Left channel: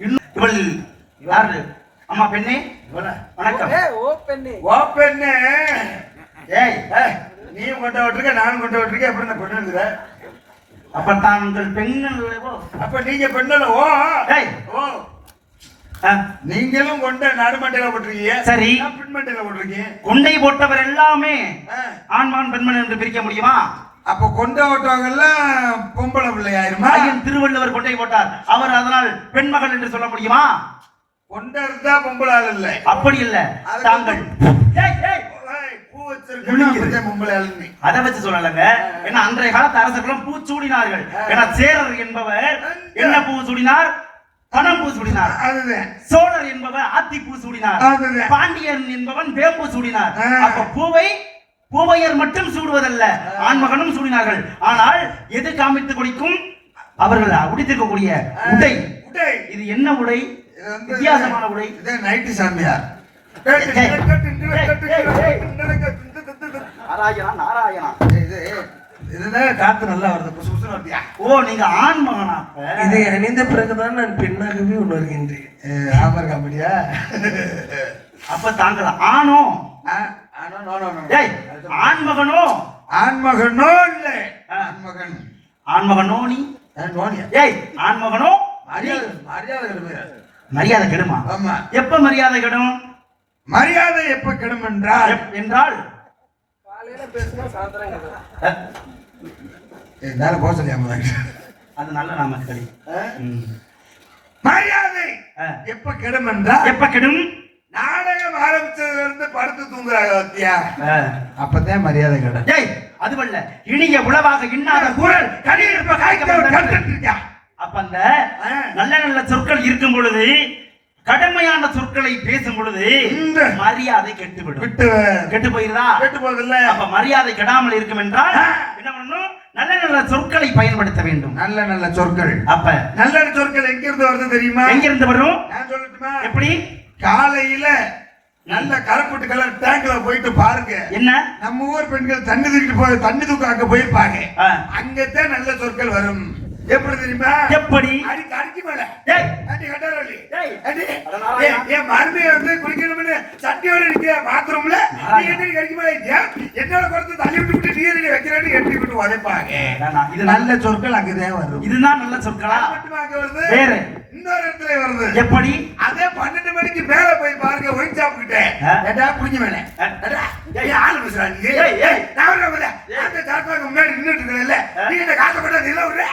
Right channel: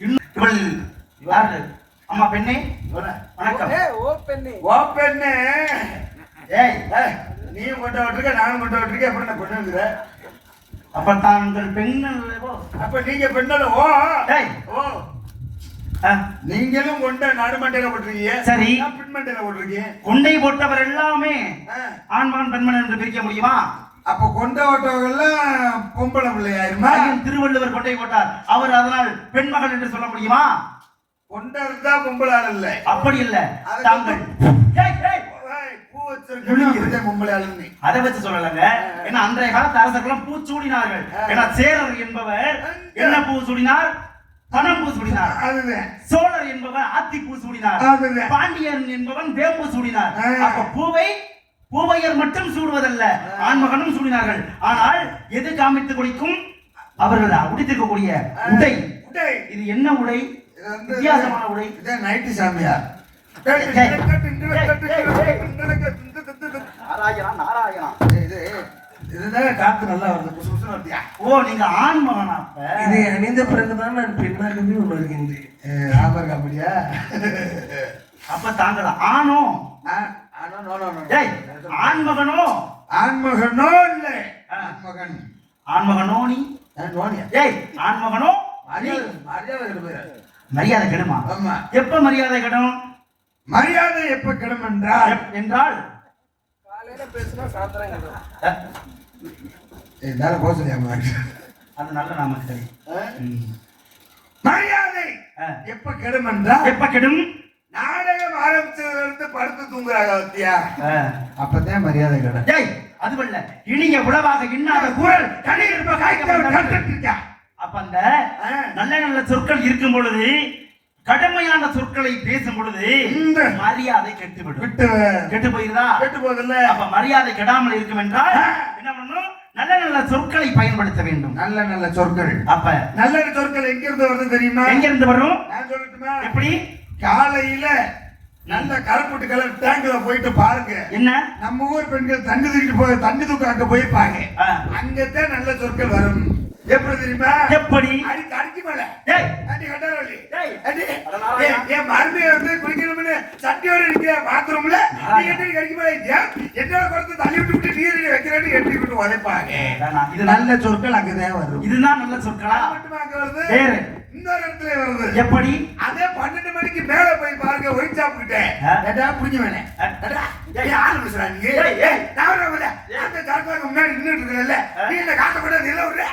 இவள் யாரு? அம்மா பெண்ணே வணக்கம். ஓ பெண்ணே ஏய் நீ கொண்ட விட்டுருக்க நானும் கொண்ட விட்டுருக்க எப்படி நான் பெண்ணுங்கிற? அப்ப தாங்கள் பெண்கள் அப்ப நீங்க பெண்ணல ஓ ஓ நீங்களும் கொண்ட நாடு மண்டையில போட்டிருக்கீங்க. சரி, பெண் மண்டையில போட்டிருக்கீங்க. கொண்டை போட்டவர் எல்லாமே ஆண்மான் பெண்மன் என்று பிரிக்க முடியுமா? அப்ப கொண்ட ஓட்டவங்க எல்லாம் பொம்பளை பிள்ளையாயிருமா? திருவள்ளுவர் கொண்டை போட்டார், அவர் அதனால் பெண்மகள் என்று சொல்ல முடியுமா? கொண்ட இருந்தா பொம்பளை ஆள் இல்ல. அப்படி இல்ல, தாங்கள் அதை வச்சு சொல்லலங்க. ஏன்னா அன்றைய காலத்து அரசர்களும் பூ சூடினார்கள். ஏன்னா சேரர் என்பவர் என்ன பூ சூடினார்? பணம் பூ சூடினார். சோழர் என்பவர் ஆத்தி பூ சூடினார். பாண்டியன் என்பவன் வேம்பு சூடினார். அப்ப பூவையர் மட்டும் சூடுவதல்ல, ஆண்மகனும் சூடினார்கள். ஆனால் எது காமித்து கொடுக்கும்? அவர்கள் உடுத்திருக்கக்கூடிய உடை. இது என்ன உடை? வித்தியாசமான உடை. நைட்டி சாமியார். நாராயணா இதுதான் காத்து நல்லா வருது. ஓ, நீங்க ஆண்மகனா? இதை அணிந்த பிறகுதான் நான் பெண்ணாகவே உணர்கின்றேன். ஆதார் காமெடியா? அப்ப தாங்கள் ஆணோ? ஆண்மகனோ? ஆண்மகனோ இல்ல ஆண்மகன். ஆண்மகனோ நீ? ஏய், ஆண்மகனோ? மரியாதை கெடுமா? ஆமா. எப்ப மரியாதை கெடும்? மரியாதை எப்ப கெடும் என்றால் காலையில பேசினா சாயந்தரம் அது நல்ல நாமக்கல். மரியாதை எப்ப கெடும் என்றால் எப்ப கெடும்? நாடகம் ஆரம்பிச்சதுல இருந்து படுத்து தூங்குறாங்க வத்தியா, அப்பதான் மரியாதை கெடும். ஏய், அதுவல்ல, இனிய உளவாக இன்னாத குரல் கடியிருப்ப காய்க்க. அப்ப அந்த நல்ல நல்ல சொற்கள் இருக்கும் பொழுது, கடுமையான சொற்களை பேசும் பொழுது மரியாதை கெட்டுவிடும். கெட்டு போயிருந்தா கெட்டு போகுதுல்ல. அப்ப மரியாதை கெடாமல் இருக்கும் என்றால் என்ன பண்ணணும்? நல்ல நல்ல சொற்களை பயன்படுத்த வேண்டும். நல்ல நல்ல சொற்கள். அப்ப நல்ல சொற்கள் எங்க இருந்து வருது தெரியுமா? எங்க இருந்து வரும்? நான் சொல்லட்டுமா? எப்படி? காலையில நல்ல கருப்புட்டு கலர் டேங்க்ல போயிட்டு பாருங்க. என்ன? நம்ம ஊர் பெண்கள் தண்ணி தூக்கிட்டு போய் தண்ணி தூக்க போய் பாருங்க. அங்கதான் நல்ல சொற்கள் வரும். எப்படி தெரியுமா? எப்படி? அடி தடிக்கு மேல அடி கட்டறோலி ஏ மருந்து வந்து குடிக்கணும்னு சட்டியோட நிக்கிற பாத்ரூம்ல நீ என்ன கடிக்கு மேல என்னோட குறத்து தள்ளி விட்டு நீர் வைக்கிறேன்னு எட்டி விட்டு உதைப்பாங்க. இது நல்ல சொற்கள் அங்கதான் வரும். இதுதான் நல்ல சொற்களா? மட்டுமா அங்க வருது? வேற இன்னொரு இடத்துல வருது. எப்படி? அதே 12 மணிக்கு மேல போய் பாருங்க ஒயின் ஷாப் கிட்ட. ஏடா குடிக்க வேணே. ஏடா ஏய் ஆளு பேசுறா நீ. ஏய் நான் வரல. அந்த சாப்பாக்கு முன்னாடி நின்னுட்டு இருக்கல. நீ என்ன காட்ட போட நில விடுற.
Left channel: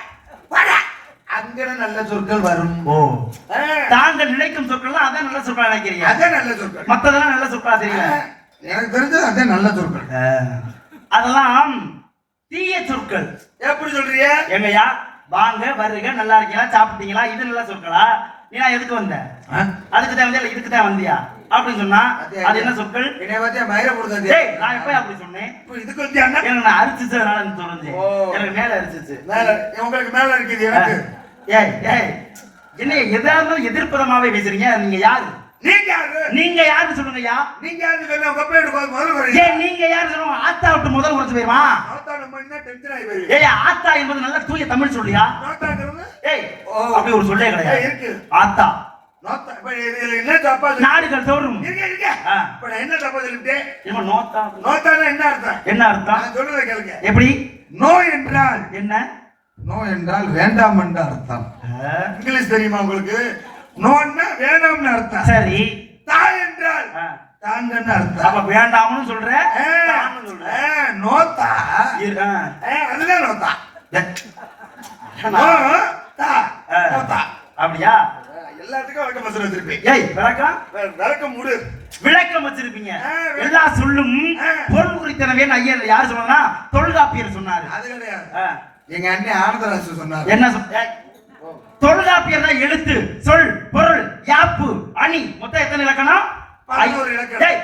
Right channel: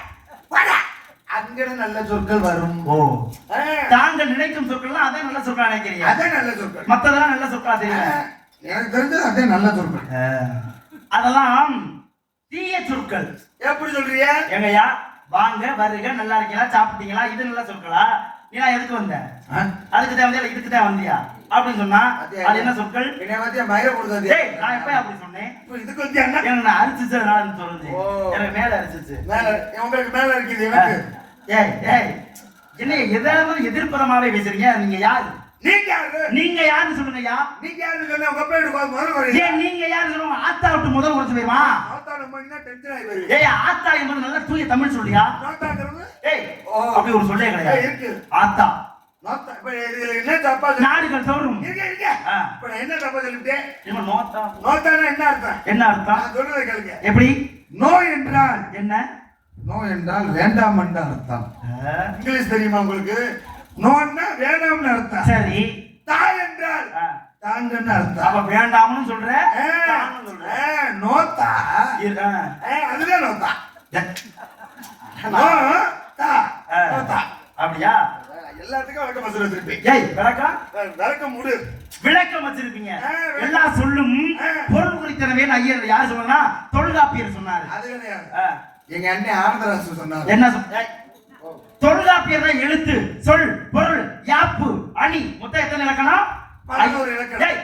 வாடா. அங்க நல்ல சொற்கள் வரும். ஓ, தாங்கள் நினைக்கும் சொற்கள் அதான் நல்ல சொற்களா நினைக்கிறீங்க? அதான் நல்ல சொற்கள். மத்ததெல்லாம் நல்ல சொற்களா தெரியும்? எனக்கு தெரிஞ்சது அதான் நல்ல சொற்கள். அதெல்லாம் தீய சொற்கள். எப்படி சொல்றீங்க? எங்கயா வாங்க வருக நல்லா இருக்கீங்களா சாப்பிட்டீங்களா இது நல்ல சொற்களா? நீ எதுக்கு வந்த? அதுக்கு தான் வந்தியா இதுக்கு தான் வந்தியா அப்படின்னு சொன்னா அது என்ன சொற்கள்? என்னை பத்தியா மயிர கொடுத்தது. ஏய், நான் எப்ப அப்படி சொன்னேன்? இதுக்கு வந்தியா என்ன அரிச்சிச்சனால தோணுது. எனக்கு மேல அரிச்சிச்சு. மேல உங்களுக்கு மேல இருக்குது எனக்கு. ஏய் ஏய், என்ன எதாவது எதிர்ப்புறமாவே பேசுறீங்க? நீங்க யாரு? நீங்க யாரு? நீங்க யாருன்னு சொல்லுங்கய்யா. நீங்க யாருன்னு சொல்ல உங்க பேரு முதல்ல வரீங்க. ஏய், நீங்க யாரு சொல்லுங்க? ஆத்தா விட்டு முதல் வரது போயிருமா? ஆத்தா நம்ம என்ன டென்ஷன் ஆயி போயிரு. ஏய், ஆத்தா என்பது நல்ல தூய தமிழ் சொல்லியா? ஆத்தாங்கிறது ஏய் அப்படி ஒரு சொல்லே கிடையாது. இருக்கு ஆத்தா. நோத்தா இப்ப என்ன தப்பா நாடுகள் தோறும் இருக்க. இப்ப நான் என்ன தப்பா சொல்லிட்டேன்? இவ நோத்தா. நோத்தானா என்ன அர்த்தம்? என்ன அர்த்தம்? நான் சொல்றத கேளுங்க. எப்படி? நோ என்றால் என்ன? நோ என்றால் வேண்டாம் என்ற அர்த்தம். இங்கிலீஷ் தெரியுமா உங்களுக்கு? நோன்னா வேண்டாம்னு அர்த்தம். சரி. தா என்றால் தாங்கன்னு அர்த்தம். அப்ப வேண்டாம்னு சொல்ற, தான்னு சொல்ற. நோத்தா அதுதான் நோத்தா. நோத்தா நோத்தா. அப்படியா? எல்லாத்துக்கும் விளக்கம் வச்சிருப்பீங்க திருப்பி. ஏய், விளக்கம் மூடு. விளக்கம் வச்சிருப்பீங்க. எல்லா சொல்லும் பொருள் குறித்தனவே ஐயர் யார் சொன்னா? தொல்காப்பியர் சொன்னாரு. அது கிடையாது. எங்க அண்ணன் ஆனந்தராசு சொன்னாரு. என்ன சொன்ன? தொல்காப்பியர் தான் எழுத்து, சொல், பொருள், யாப்பு, அணி மொத்தம் எத்தனை இலக்கணம்? 11 இலக்கணம்.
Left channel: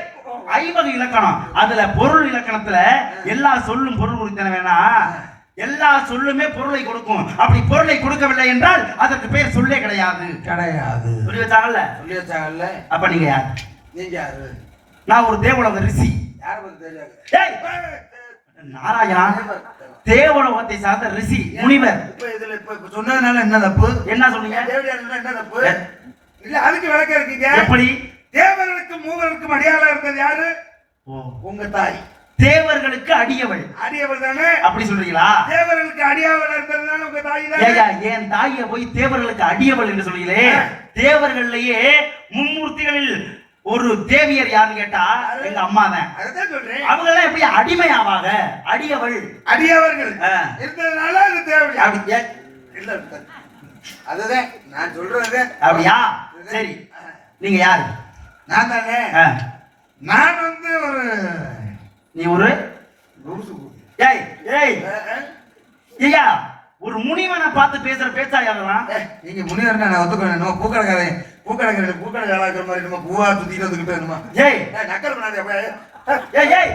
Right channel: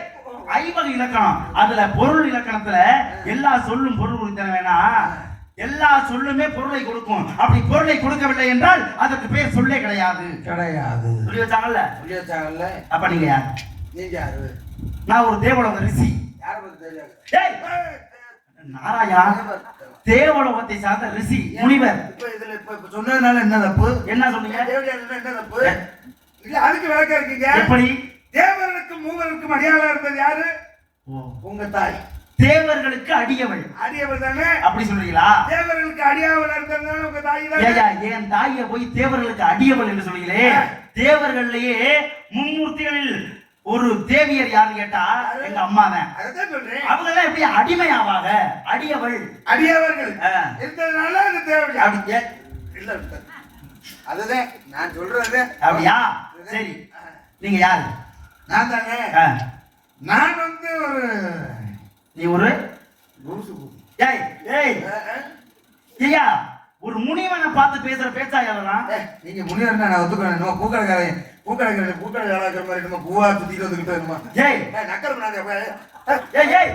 50 இலக்கணம். அதுல பொருள் இலக்கணத்துல எல்லா சொல்லும் பொருள் குறித்தன வேணா எல்லா சொல்லுமே பொருளை கொடுக்கும். அப்படி பொருளை கொடுக்கவில்லை என்றால் அதற்கு பேர் சொல்லே கிடையாது. கிடையாது. சொல்லி வச்சாங்கல்ல? சொல்லி வச்சாங்கல்ல. அப்ப நீங்க யார்? நீங்க யாரு? நான் ஒரு தேவலோக ரிஷி. யார பத்தி தெரியாது. ஏய் நாராயணா தேவலோகத்தை சார்ந்த ரிஷி முனிவர். இப்ப சொன்னதுனால என்ன தப்பு? என்ன சொன்னீங்க? தேவடியார் என்ன தப்பு? இல்ல அதுக்கு விளக்கம் இருக்கீங்க. எப்படி? தேவர்களுக்கும் மூவருக்கும் அடியாளா இருந்தது யாரு? உங்க தாய். தேவர்களுக்கு அடியவள். அடியவள் தானே? அப்படி சொல்றீங்களா? தேவர்களுக்கு அடியவள் இருந்ததுனால உங்க தாய் தான். ஏயா என் தாயை போய் தேவர்களுக்கு அடியவள் என்று சொல்றீங்களே? தேவர்கள்லயே மும்மூர்த்திகளில் ஒரு தேவியர் யாருன்னு கேட்டா எங்க அம்மா தான். அதான் சொல்றேன். அவங்க எல்லாம் எப்படி அடிமை ஆவாங்க? அடியவள் அடியவர்கள் இருந்ததுனால அந்த தேவடி அப்படி இல்ல. அதுதான் நான் சொல்றது. அப்படியா? சரி, நீங்க யாரு? நான் தானே. நான் வந்து ஒரு நீ ஒரு லூசு. ஏய் ஏய் ஐயா, ஒரு முனிவனை பார்த்து பேசுற பேச்சா யாரெல்லாம்? நீங்க முனிவர்னா நான் ஒத்துக்கிறேன். நம்ம பூக்கடைக்காரன் பூக்கடை வேலைக்கிற மாதிரி நம்ம பூவா சுத்திட்டு வந்துகிட்டு வருமா? ஏய் நக்கல் பண்ணாத. ஏய் ஏய்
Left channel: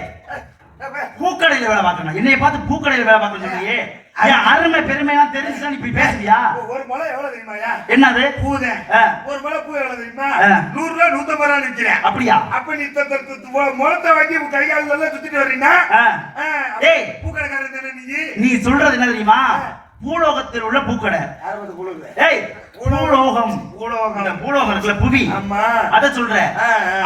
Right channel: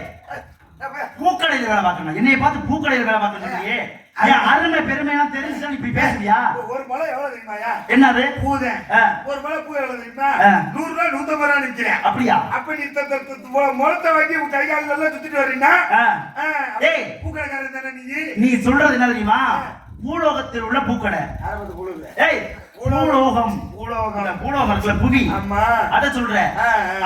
பூக்கடையில வேலை பார்க்கணும். என்னைய பார்த்து பூக்கடையில வேலை பார்க்கணும் சொல்றியே? ஏன் அருமை பெருமையெல்லாம் தெரிஞ்சுதான் நீ இப்படி பேசுறியா? ஒரு முளை எவ்வளவு தெரியுமாயா? என்னது? பூதேன். ஒரு முளை பூ எவ்வளவு தெரியுமா? 100 ரூபா 150 ரூபா நிக்கிறேன். அப்படியா? அப்ப நீ முளத்தை வாங்கி கை கால் எல்லாம் சுத்திட்டு வர்றீங்கன்னா ஏய் பூக்கடைக்காரன் தானே நீ சொல்றது என்ன தெரியுமா? பூலோகத்தில் உள்ள பூக்கடை. ஏய் பூலோகம். இந்த பூலோகத்துல புவி. ஆமா அத சொல்ற.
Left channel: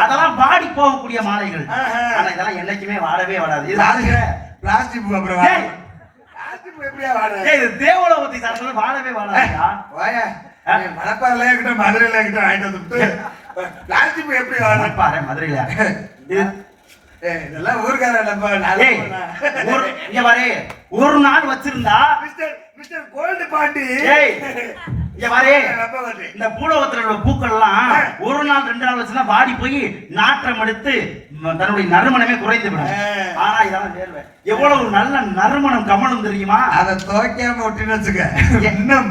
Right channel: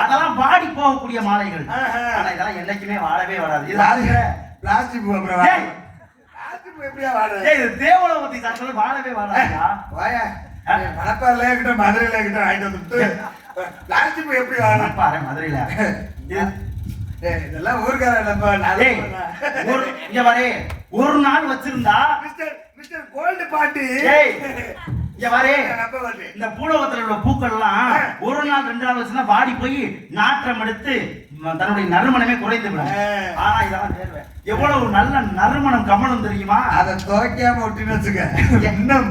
அதெல்லாம் வாடி போகக்கூடிய மாலைகள். ஆனா இதெல்லாம் என்னைக்குமே வாடவே வாடாது. இது பிளாஸ்டிக் பூ. அப்புறம் பிளாஸ்டிக் பூ எப்படியா வாடுது? ஏய் இது தேவலோகத்தை சார்ந்தது, வாடவே வாடாதா? வாயா மணப்பாறையில இருக்கட்டும் மதுரையில இருக்கட்டும் ஆயிட்டு வந்துட்டு பிளாஸ்டிக் பூ எப்படி வாடுது? மணப்பாறை மதுரையில இதெல்லாம் ஊர்கார இங்க வரே ஒரு நாள் வச்சிருந்தா மிஸ்டர் கோல்டு பாண்டி. இங்க வரே இந்த பூலோகத்துல உள்ள பூக்கள் எல்லாம் ஒரு நாள் 2 நாள் வச்சுனா வாடி போய் நாற்றம் எடுத்து தன்னுடைய நறுமணமே குறைந்து விடும். ஆனா இதெல்லாம் தேர்வை எவ்வளவு நல்ல நறுமணம் கமலும் தெரியுமா? அதை துவைக்காம விட்டுன்னு வச்சுக்க. என்ன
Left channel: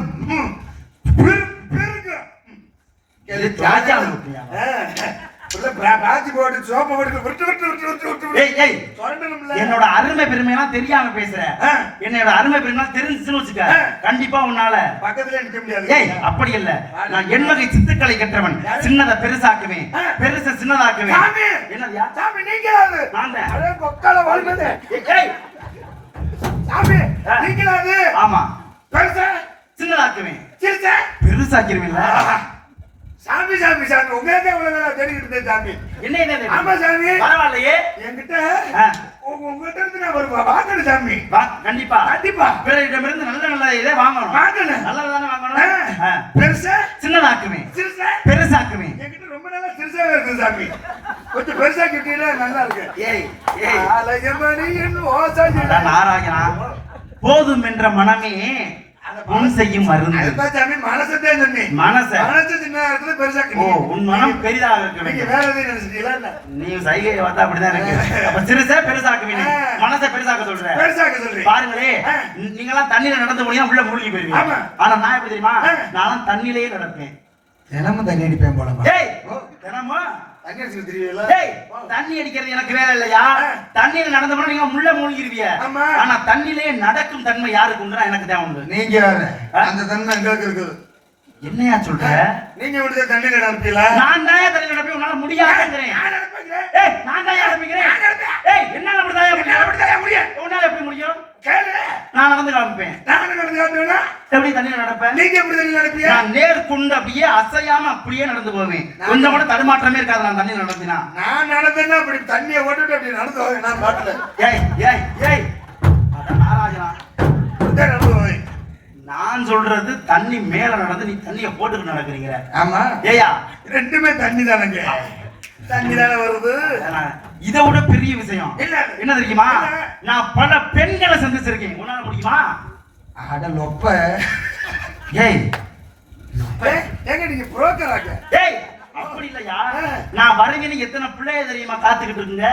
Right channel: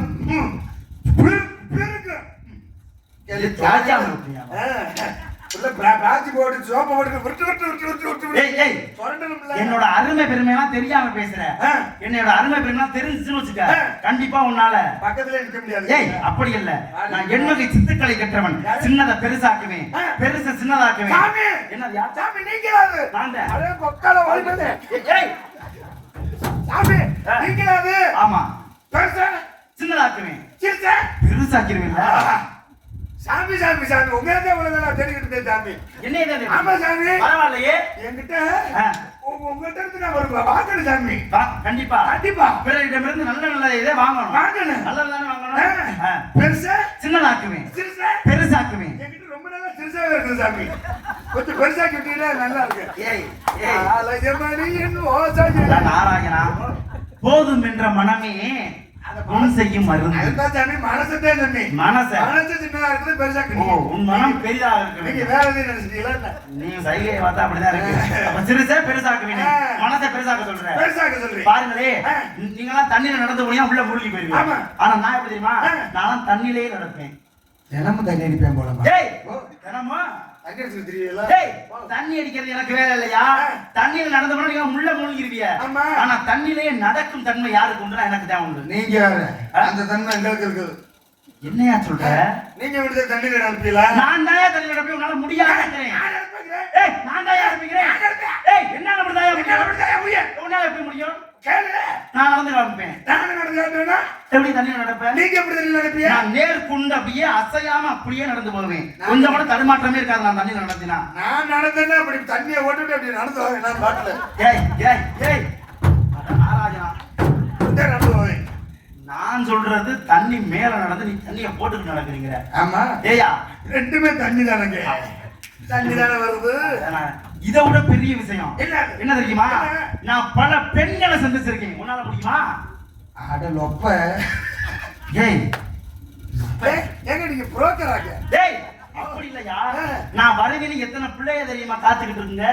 என்னோட அருமை பெருமையெல்லாம் தெரியாம பேசுற. என்னோட அருமை பெருமை தெரிஞ்சுன்னு வச்சுக்க, கண்டிப்பா உன்னால பக்கத்துல இருக்க முடியாது. ஏய் அப்படி இல்ல, நான் எண்வகை சித்துக்களை கற்றவன். சின்னதை பெருசாக்குவேன், பெருசை சின்னதாக்குவேன். என்னது சாமி நீங்களாது? நான் தான். அட கொக்கால வாழ்வது. ஏய் சாமி நீங்களாது? ஆமா. பெருசா சின்னதாக்குவேன், சிறுசா பெருசாக்கிடுவேன்ல. சாமி சாமி சாமி உங்களே உலகம் தேடிக்கிட்டு இருந்தேன் சாமி. என்ன என்ன? ஆமா சாமி. பரவாயில்லையே என்கிட்ட உங்ககிட்ட இருந்து நான் வருவா வாங்கணும் சாமி. கண்டிப்பா கண்டிப்பா பிறரிடமிருந்து நல்ல நல்ல இதை வாங்கணும். வாங்கணும், நல்லதானே வாங்கணும். பெருசா சின்னதாக்குவேன், சிறுசா பெருசாக்குவேன். என்கிட்ட ரொம்ப நல்லா சிறுசாவே இருக்கு சாமி. கொஞ்சம் பெருசாக்கி விட்டீங்கன்னா நல்லா இருக்கு. ஏய் ஏய் அழகமணி என் ஓசாஜி நாராயணா, போதும் என்ற மனமே மனம் செய்யும் மருந்து. அதுதான் சாமி மனசத்தே சொன்னி. மனசு சின்னதா இருக்குது பெருசாக்கி. ஓ உன் மனம் பெரிதாக இருக்கு. நீங்க வேற எதையும் நினைச்சிட்டீங்களா என்ன? நீ சைகை பார்த்தா அப்படிதான் இருக்கு. அப்ப சிறுசா பெருசாக்குவீங்க, மனசை பெருசாக்க சொல்ற. பெருசாக்க சொல்றீங்க. பாருங்களே, நீங்கலாம் தண்ணியில நடந்து போனியா உள்ள மூழ்கி போயிருவீங்க. ஆனா நான் எப்படி தெரியுமா? நான் தண்ணியிலேயே நடப்பேன். தினமும் தண்ணி அடிப்பேன் போலமா? ஏய் தினமும் தண்ணி அடிச்சு தெரியுங்களா? ஏய் தண்ணி அடிக்கிறது எனக்கு வேலை இல்லையா? தண்ணியில நடந்து போனா நீங்க முள்ள மூழ்கிருவீங்க. ஆனா தண்ணியிலேயே நடக்கும் தன்மை யாருக்கு உண்டா? எனக்கு தான் உண்டு. நீங்க அந்த தன்மை எங்களுக்கு இருக்குது. என்னையா சொல்ற? நீங்க விடுத தண்ணியில நடப்பீங்களா? நான் தான் தண்ணியில நடப்பேன். உன்னால முடியாதுங்கறேன். ஏய் நான் தான் நடப்பேன். ஏய் என்னால முடியும்? உன்னால எப்படி முடியும்? நான் நடந்து நடப்பேன். எப்படி தண்ணியில நடப்பேன்? நீங்க எப்படி தண்ணியில நடப்பீங்க? நான் நேர்கொண்டு அப்படியே அசையாம அப்படியே நடந்து போவேன். கொஞ்சம் கூட தடுமாற்றமே இருக்காது நான் தண்ணியில நடந்தினா. நான் நடந்தேன்னா அப்படி தண்ணியை ஓட்டுட்டு அப்படி நடந்து போவேன். நான் பாட்டுல ஏய் ஏய் ஏய் அதான் நாராஜனா நடந்து போவேன். நான் சொல்றது தண்ணி மேல நடந்து நீ தண்ணியை போட்டுட்டு நடக்கிறீங்க. ஆமா ஏயா ரெண்டுமே தண்ணி தானங்க. தண்ணி தானே வருது. இதை விட பெரிய விஷயம் என்ன தெரியுமா? நான் பல பெண்களை சந்திச்சிருக்கேன். உன்னால முடியுமா? அட லொப்ப. ஏய் ஏங்க நீங்க புரோக்கர் ஆக? ஏய் அப்படி இல்லையா, நான் வருகிறேன். எத்தனை பிள்ளைய தெரியுமா காத்துக்கிட்டு இருக்குங்க?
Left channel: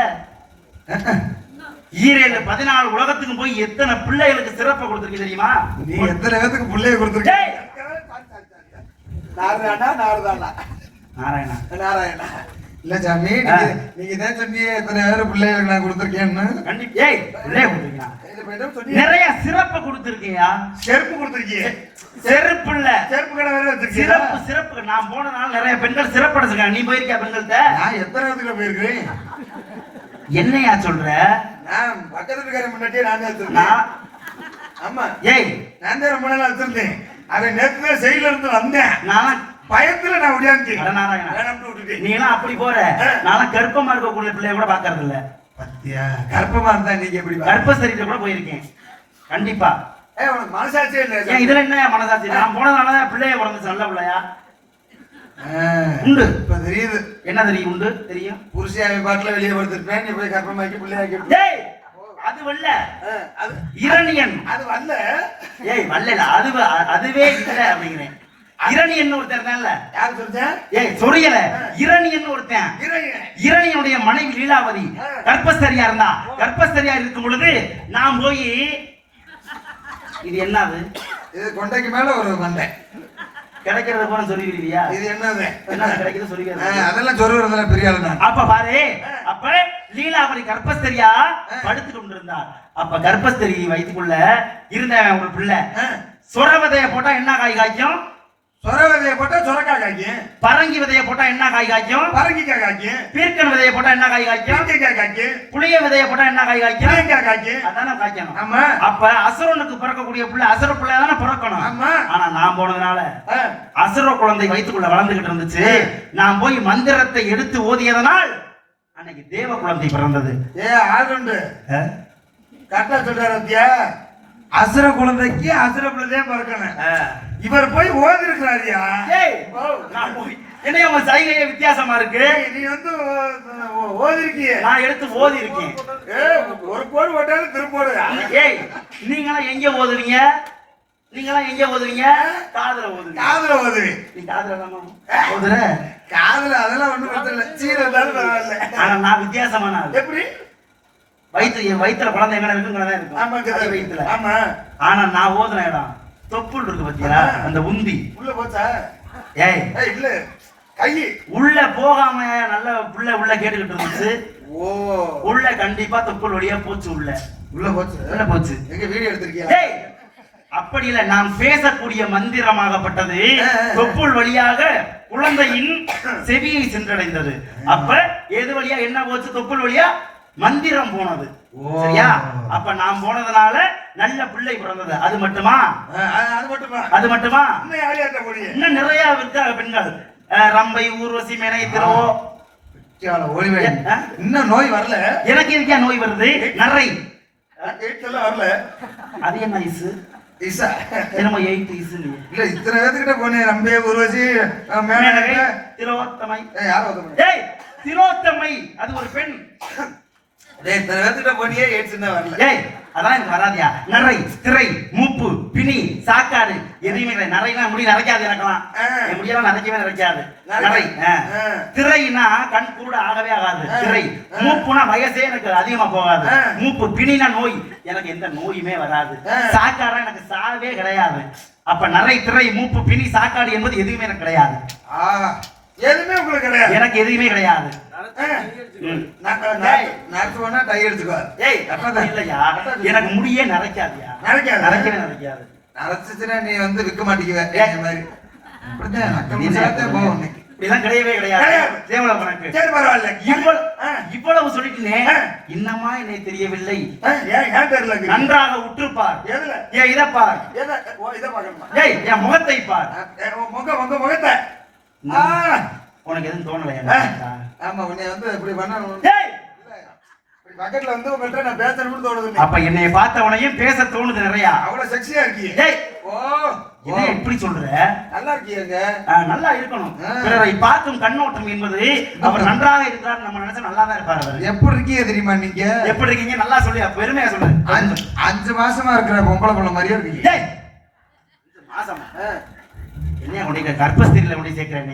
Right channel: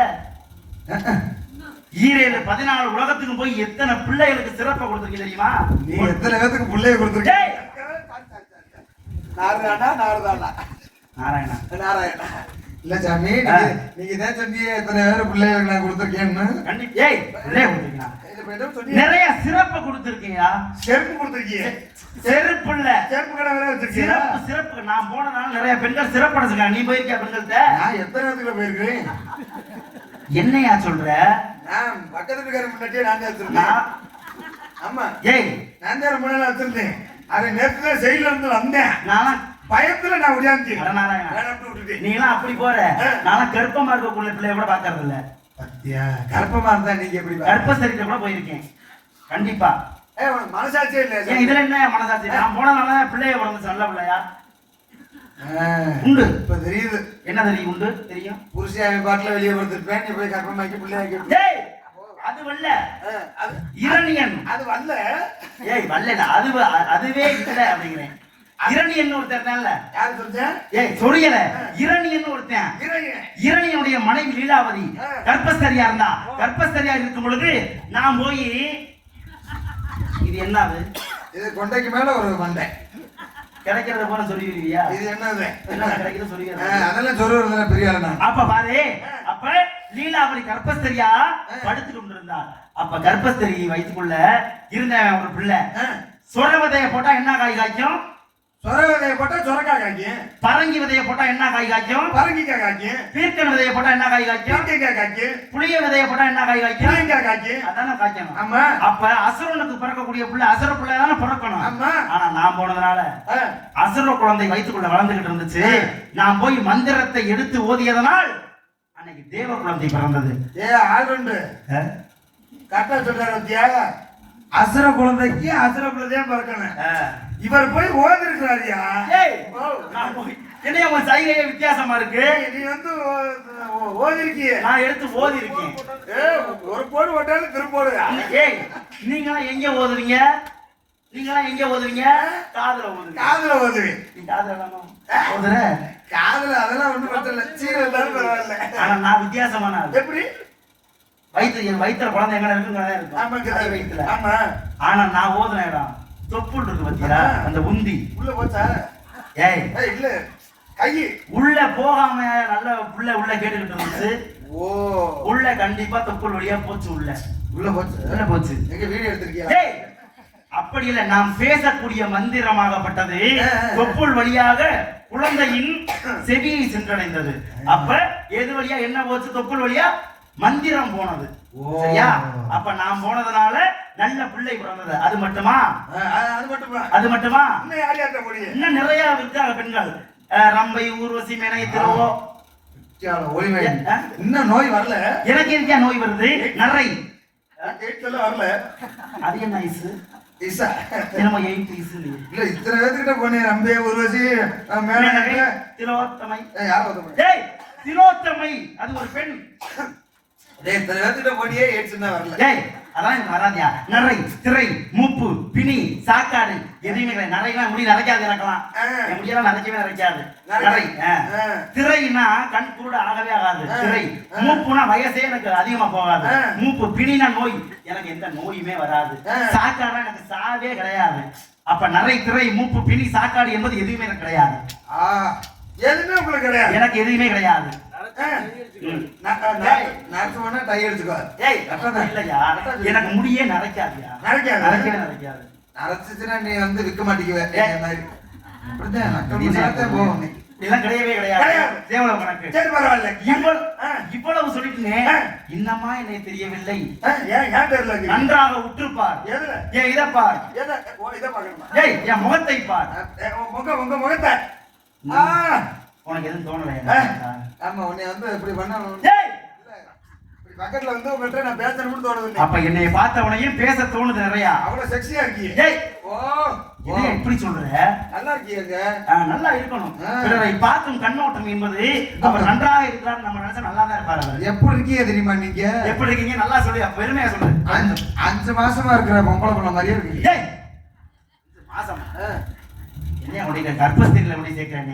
14 உலகத்துக்கு போய் எத்தனை பிள்ளைகளுக்கு சிறப்பை கொடுத்துருக்கு தெரியுமா? நீ எத்தனை பேருக்கு பிள்ளைய கொடுத்துருக்க? நாராயணா நாராயணா நாராயணா நாராயணா இல்ல சாமி, நீங்க தான் சொன்னீங்க எத்தனை பேர் பிள்ளைகளுக்கு நான் கொடுத்துருக்கேன்னு. ஏய் நிறைய சிறப்பு கொடுத்துருக்கீங்க. செருப்பு கொடுத்துருக்கீங்க. செருப்பு இல்ல, செருப்பு கடை வேற வச்சிருக்கீங்க. சிறப்பு சிறப்பு. நான் போனதால நிறைய பெண்கள் சிறப்பு அடைஞ்சிருக்காங்க. நீ போயிருக்கியா பெண்கள்கிட்ட? நான் எத்தனை இடத்துல போயிருக்கேன். என்னையா சொல்ற? நான் பக்கத்துல இருக்கிற முன்னாடியே நான் தான் எடுத்திருந்தேன். நான் ஆமா ஏய் நான் தான் ரொம்ப நாள் எடுத்திருந்தேன். அதை நேற்று தான் செயல இருந்து வந்தேன். நான் பயத்துல நான் உடையாந்துட்டேன். அடநாராயணா. வேணாம்னு விட்டுட்டேன். நீ எல்லாம் அப்படி போற நான் கர்ப்பமா இருக்கக்கூடிய பிள்ளைய கூட பாக்குறது இல்ல. பத்தியா கர்ப்பமா இருந்தா நீங்க எப்படி கர்ப்பசரிட்ட கூட போயிருக்கேன் கண்டிப்பா. உனக்கு மனசாட்சியே இல்ல. ஏன் இதுல என்ன மனசாட்சி? நான் போனதுனால பிள்ளைய பிறந்துச்சு நல்ல பிள்ளையா உண்டு. இப்ப தெரியுது என்ன தெரியும்? உண்டு தெரியும். புருஷன் பாட்டுல வெளியே படுத்திருப்பேன். நீ போய் கர்ப்பமாக்கி பிள்ளையாக்கி ஏய் அது வல்ல அது இரணியன். அது வரல. ஏய் வல்ல அதுவே இல்ல அப்படிங்கிறேன். இரணியன் ஒருத்தர் தான்ல. யாரு சொல்றேன்? ஏய் சொரியல இரணியன் ஒருத்தன். இரணியனுடைய மனைவி லீலாவதி கர்ப்பஸ்தரியா இருந்தா. கர்ப்பஸ்தரியா இருக்கும் பொழுது நான் போய் இது என்னது? இது கொண்டைக்கு மேல ஒரு மண்டை கிடைக்கிறத போல சொல்லிடுவியா? இது என்னது? என்ன கிடைக்கிறது சொல்லிடுறது? அதெல்லாம் சொல்லுறதுல பெரிய ஆளு தான். அப்ப பாரு, அப்ப லீலாவதி கர்ப்பஸ்தரியா படுத்து கொண்டிருந்தார். அப்ப கர்ப்பஸ்தரி வயிற்றுக்குள்ள இருந்த ஒரு பிள்ளை சொர விதைய போட்டா என்ன காய் காய்க்கும்? சொர விதைய போட்டா சொரக்காய் காய்க்கும். பரங்கி விதைய போட்டா என்ன காய் காய்க்கும்? பரங்கிக்காய் காய்க்கும். பீர்க்கன் விதைய போட்டா என்ன காய் காய்க்கும்? பீர்க்கங்காய் காய்க்கும். புளிய விதைய போட்டா என்ன காய் காய்க்கும்? புளியங்காய் காய்க்கும். அதானே காய்க்கணும். ஆமா. அப்ப அசுரனுக்கு பிறக்கக்கூடிய பிள்ளை அசுர பிள்ளையா தானே பிறக்கணும். ஆமா. ஆனா நான் போனதுனால அசுர குழந்தை வயிற்றுக்குள்ள வளர்ந்துகிட்டு இருந்துச்சு. நான் போய் மந்திரத்தை எடுத்து ஓதியதனால் அன்னைக்கு தேவ குழந்தை பிறந்தது. ஆளுண்டு கரெக்டா சொல்றாரு. அசுர குழந்தைக்கு அசுர பிள்ளைதான் பிறக்கணும். இவர் போய் ஓதி இருக்கிறாரியா? என்ன உங்க சைகையே வித்தியாசமா இருக்கு. நீ வந்து ஓதி இருக்கிய. நான் எடுத்து ஓதி இருக்கேன். ஒரு போடு போட்டாலும் திருப்போடு. ஏய் நீங்களா எங்க ஓதுவீங்க? நீங்களா எங்க ஓதுவீங்க? காதுல ஓதுவீங்க. காதுல ஓது. நீ காதுல ஓதுற? காதுல அதெல்லாம் ஒண்ணும் பிரச்சனை இல்ல. சீர இருந்தாலும் பரவாயில்ல. ஆனா நான் வித்தியாசமான ஆளு. எப்படி? வயிற்றுல குழந்தை எங்க இருக்குங்கிறதா இருக்கும். வயிற்றுல. ஆமா. ஆனா நான் ஓதுன இடம் தொப்புள் இருக்கு பாத்தியா? அந்த உந்தி உள்ள போச்சா? ஏய் இல்ல கை உள்ள போகாம நல்ல புள்ள உள்ள கேட்டுக்கிட்டு இருந்துச்சு. ஓ உள்ள கண்டிப்பா தொப்புள் வழியா போச்சு. உள்ள போச்சு. உள்ள போச்சு. எங்க வீடியோ எடுத்திருக்கியா? ஏய் அப்படி இல்ல. நாம் பேசக்கூடிய மந்திரமாகப்பட்டது தொப்புள் வழியாக குழந்தையின் செவியை சென்றடைந்தது. அப்ப எது வழியா என்ன போச்சு? தொப்புள் வழியா மந்திரம் போனது. சரியா? அப்ப நாம் போனதுனால நல்ல பிள்ளை பிறந்தது. அது மட்டுமா? அது மட்டுமா? இன்னும் நிறைய இருக்காங்க பெண்கள். ரம்பை, ஊர்வசி, மேனை, திருவோ. இன்னும் நோய் வரல. எனக்கு இருக்கா நோய் வருது? நரை வரல. அது என்ன ஐசு? இசா என்னமோ 8 இசு இல்ல. இத்தனை பேர்கிட்ட போனே. ரம்பை, ஊர்வசி, மேனை, திலோத்தமை. யாரோ ஏய் திலோத்தமை அது ஒரு பெண். டேய் இத்தனை பேர்கிட்ட போனியே ஏட்ஸ்னா வரல. ஏய் அதான் எனக்கு வராதியா? நரை, திரை, மூப்பு, பிணி, சாக்காடு எதுவுமே நரைனா முடி நரைக்காது. எனக்கலாம் என் முடியெல்லாம் நரைக்கவே நரைக்காது. நரை திரைனா கண் கூட ஆகவே ஆகாது. திரை மூப்புனா வயசே எனக்கு அதிகமா போகாது. மூப்பு பிணினா நோய். எனக்கு எந்த நோயுமே வராது. சாக்காடா எனக்கு சாவே கிடையாது. அப்ப நரை, திரை, மூப்பு, பிணி, சாக்காடு என்பது எதுவுமே எனக்கு கிடையாது. எதுவுமே உங்களுக்கு கிடையாது. எனக்கு எதுவுமே கிடையாது. எனக்கு முடியே நரைக்காதியா? நரைக்காது. நரைச்சுன்னா நீ வந்து விற்க மாட்டேங்குவ. இப்படிலாம் கிடையவே கிடையாது. சரி பரவாயில்ல. இவ்வளவு சொல்லிட்டுனே இன்னமா என்னை தெரியவில்லை. ஏன் தெரியல? நன்றாக உற்றுப்பார். ஏன் இதை பார். இதை பார்க்கணுமா? ஏய் என் முகத்தை பார். உங்க முகத்தை. உனக்கு எதுவும் தோணலையா? ஆமா உன்னை வந்து இப்படி பண்ணணும். பக்கத்துல வந்து உங்கள்ட்ட நான் பேசணும்னு தோணுது. அப்ப என்னை பார்த்த உடனே பேச தோணுது நிறைய. அவ்வளவு செக்ஸியா இருக்கீங்க. ஏய் ஓ இதை எப்படி சொல்ற? நல்லா இருக்கீங்க. நல்லா இருக்கணும். பிறரை பார்க்கும் கண்ணோட்டம் என்பது அவர் நன்றாக இருக்கிறார் நம்ம நினைச்சா நல்லா தான் இருப்பாரு. எப்படி இருக்கீங்க தெரியுமா? நீங்க எப்படி இருக்கீங்க? நல்லா சொல்லு. பெருமையா சொல்லு. 5 மாசமா இருக்கிற பொம்பளை பொண்ணு மாதிரியே இருக்கீங்க. 5 மாசமா? என்ன உடைய கர்ப்பஸ்திரியில உடைய சேர்க்கிறேன்?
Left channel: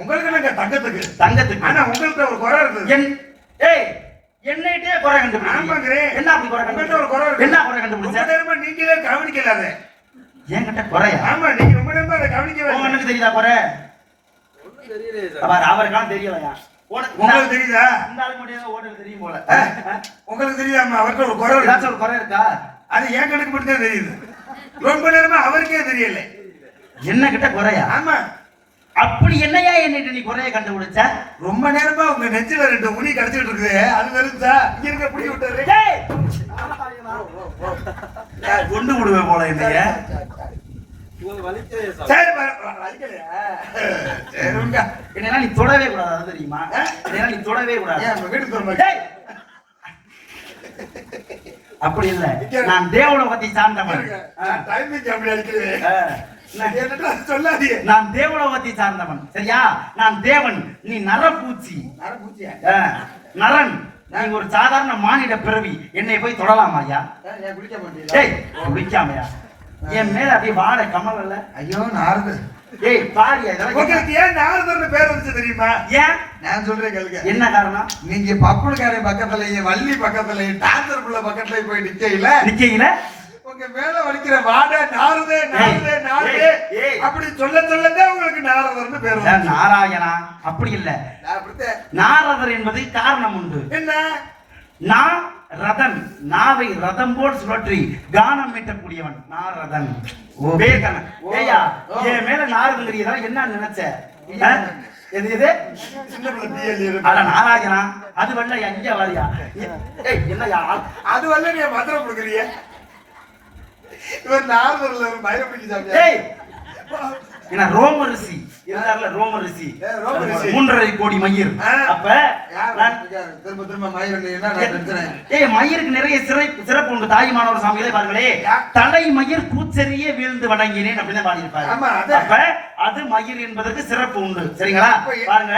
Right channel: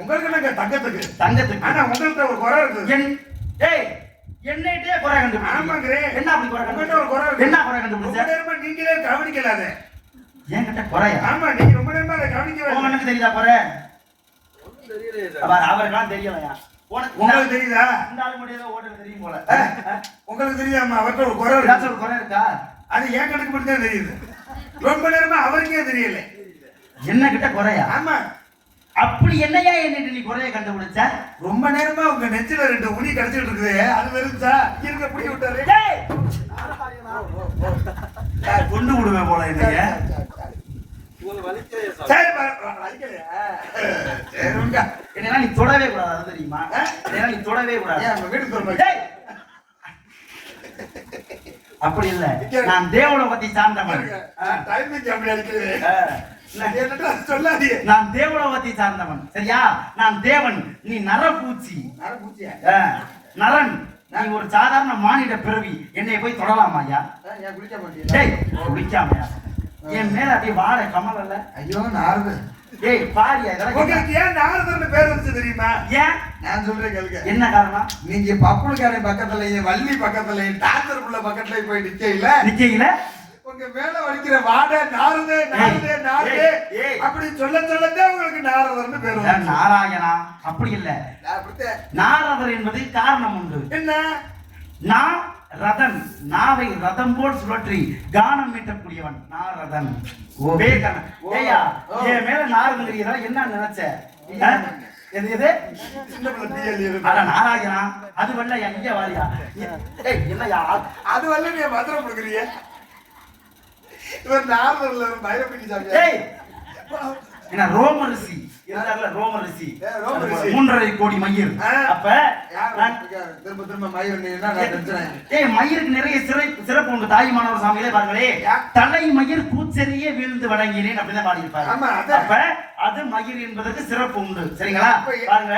உங்களுக்கு இல்ல தங்கத்துக்கு. தங்கத்துக்கு. ஆனா உங்கள்ட்ட ஒரு குறை இருக்கு. ஏய் என்னைட்டே குறை கண்டுபிடி. ஆமாங்கறே. என்ன அப்படி குறை கண்டுபிடி? உங்கள்ட்ட ஒரு குறை இருக்கு. என்ன குறை கண்டுபிடிச்ச? ரொம்ப நேரமா நீங்களே கவனிக்கலாத. ஏன்கிட்ட குறை? ஆமா நீங்க ரொம்ப நேரமா அதை கவனிக்கவே. உங்களுக்கு தெரியுதா குறை? ஒண்ணும் தெரியலையே சார். அவருக்கெல்லாம் தெரியலையா? உங்களுக்கு தெரியுதா? இந்த ஆளு மட்டும் ஓட்டல் தெரியும் போல. உங்களுக்கு தெரியாம அவர்ட்ட ஒரு குறை இருக்கு. ஒரு குறை இருக்கா? அது ஏன் கணக்கு மட்டும் தான் தெரியுது. ரொம்ப நேரமா அவருக்கே தெரியல. என்ன கிட்ட குறையா? ஆமா அப்படி என்னையா என்னை நீ குறைய கண்டுபிடிச்ச? ரொம்ப நேரமா உங்க நெஞ்சில 2 உனி கடிச்சிட்டு இருக்குது. அது வெறுச்சா இங்க இருக்க பிடி விட்டாரு. டேய் கொண்டு விடுவேன் போல என்னைய. உங்களுக்கு வலிக்கலையே சார்? சரி வலிக்கலையா? சரிங்க. என்னன்னா நீ தொடவே கூடாது, அது தெரியுமா? என்னன்னா நீ தொடவே கூடாது. ஏன் நம்ம வீட்டுக்கு தர டேய் அப்படி இல்ல, நான் தேவலோகத்தை சார்ந்தவன். டைமிங் அப்படி அடிக்குது. என்னடா சொல்லாதீங்க. நான் தேவலோகத்தை சார்ந்தவன், சரியா? நான் தேவன், நீ நரபூச்சி. நரபூச்சியா? நரன், நீ ஒரு சாதாரண மானிட பிறவி. என்னை போய் தொடலாமா ஐயா? ஏன் குளிக்க மாட்டீங்களா? டேய் குளிக்காமையா? என் மேல அப்படியே வாட கமல் அல்ல. ஐயோ நாரது. ஏய் பாரியா, உங்களுக்கு ஏன் நாரதர்னு பேர் வந்துச்சு தெரியுமா? ஏன்? நான் சொல்றேன் கேளுங்க. என்ன காரணம்? நீங்க பப்புளுக்காரி பக்கத்துலயும் வள்ளி பக்கத்துலயும் டாக்டர் புள்ள பக்கத்துலயும் போய் நிக்கையில உங்க மேல வலிக்கிற வாட நாரதே நாரதே நாரதே அப்படி சொல்லதான் உங்களுக்கு நாரதர்னு பேர் வந்துச்சு. நாராயணா அப்படி இல்ல, நாரதர் என்பது காரணம் உண்டு. என்ன? நான் ரதன், நாவை ரதம் போல் சுழற்றி கானம் மீட்டக்கூடியவன் நாரதன். ஏய்யா, என் மேல நாரதங்கிறீரா என்ன நினைச்ச? எது எது சின்ன பிள்ளை பிஎல் அட நாராயணா, அது வெள்ள எங்க வாரியா? ஏய் என்னையா அது வரல நீ மந்திரம் கொடுக்குறீங்க. இவர் நாரதர்ல மயிரப்பிடிக்கு சாமியா? ஏய் என்ன ரோம ரிஷி இருந்தார்ல, ரோம ரிஷி, ரோம ரிஷி 3.5 கோடி மயிர். அப்ப திரும்ப திரும்ப மயிர் ஏய் மயிருக்கு நிறைய சிறப்பு உண்டு. தாய்மானவர் சாமிகளே பாருங்களே, தலை மயிர் கூச்செறியே வீழ்ந்து வணங்கினேன் அப்படின்னு பாடியிருப்பாரு. அப்ப அது மயிர் என்பதற்கு சிறப்பு உண்டு, சரிங்களா? பாருங்க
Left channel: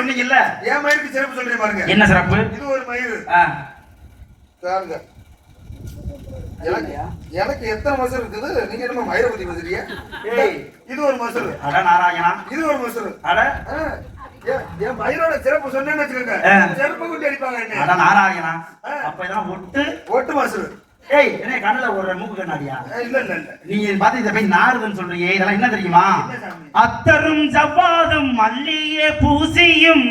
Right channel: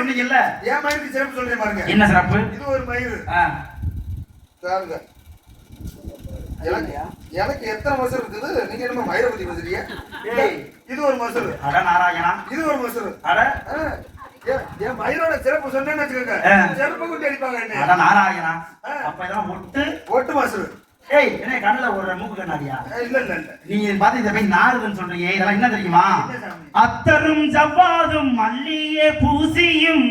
சொன்னீங்கல்ல, ஏன் மயிருக்கு சிறப்பு சொல்றீங்க பாருங்க. என்ன சிறப்பு? இது ஒரு மயிர். பாருங்க எனக்கு எத்தனை மசூர் இருக்குது? நீங்க என்ன மயிரை பத்தி பேசுறீங்க? இது ஒரு மசூர். அட நாராயணா, இது ஒரு மசூர். அட என் மயிரோட சிறப்பு சொன்னேன்னு வச்சுக்கோங்க, சிறப்பு கொண்டு அடிப்பாங்க என்ன. அட நாராயணா, அப்ப இதெல்லாம் ஒட்டு மசூர். ஏய் என்ன கண்ணுல ஒரு மூக்கு கண்ணாடியா? இல்ல இல்ல இல்ல, நீங்க பாத்து இத போய் நாரதன் சொல்றீங்க. இதெல்லாம் என்ன தெரியுமா? அத்தரும் ஜவ்வாதும் மல்லியே பூசியும்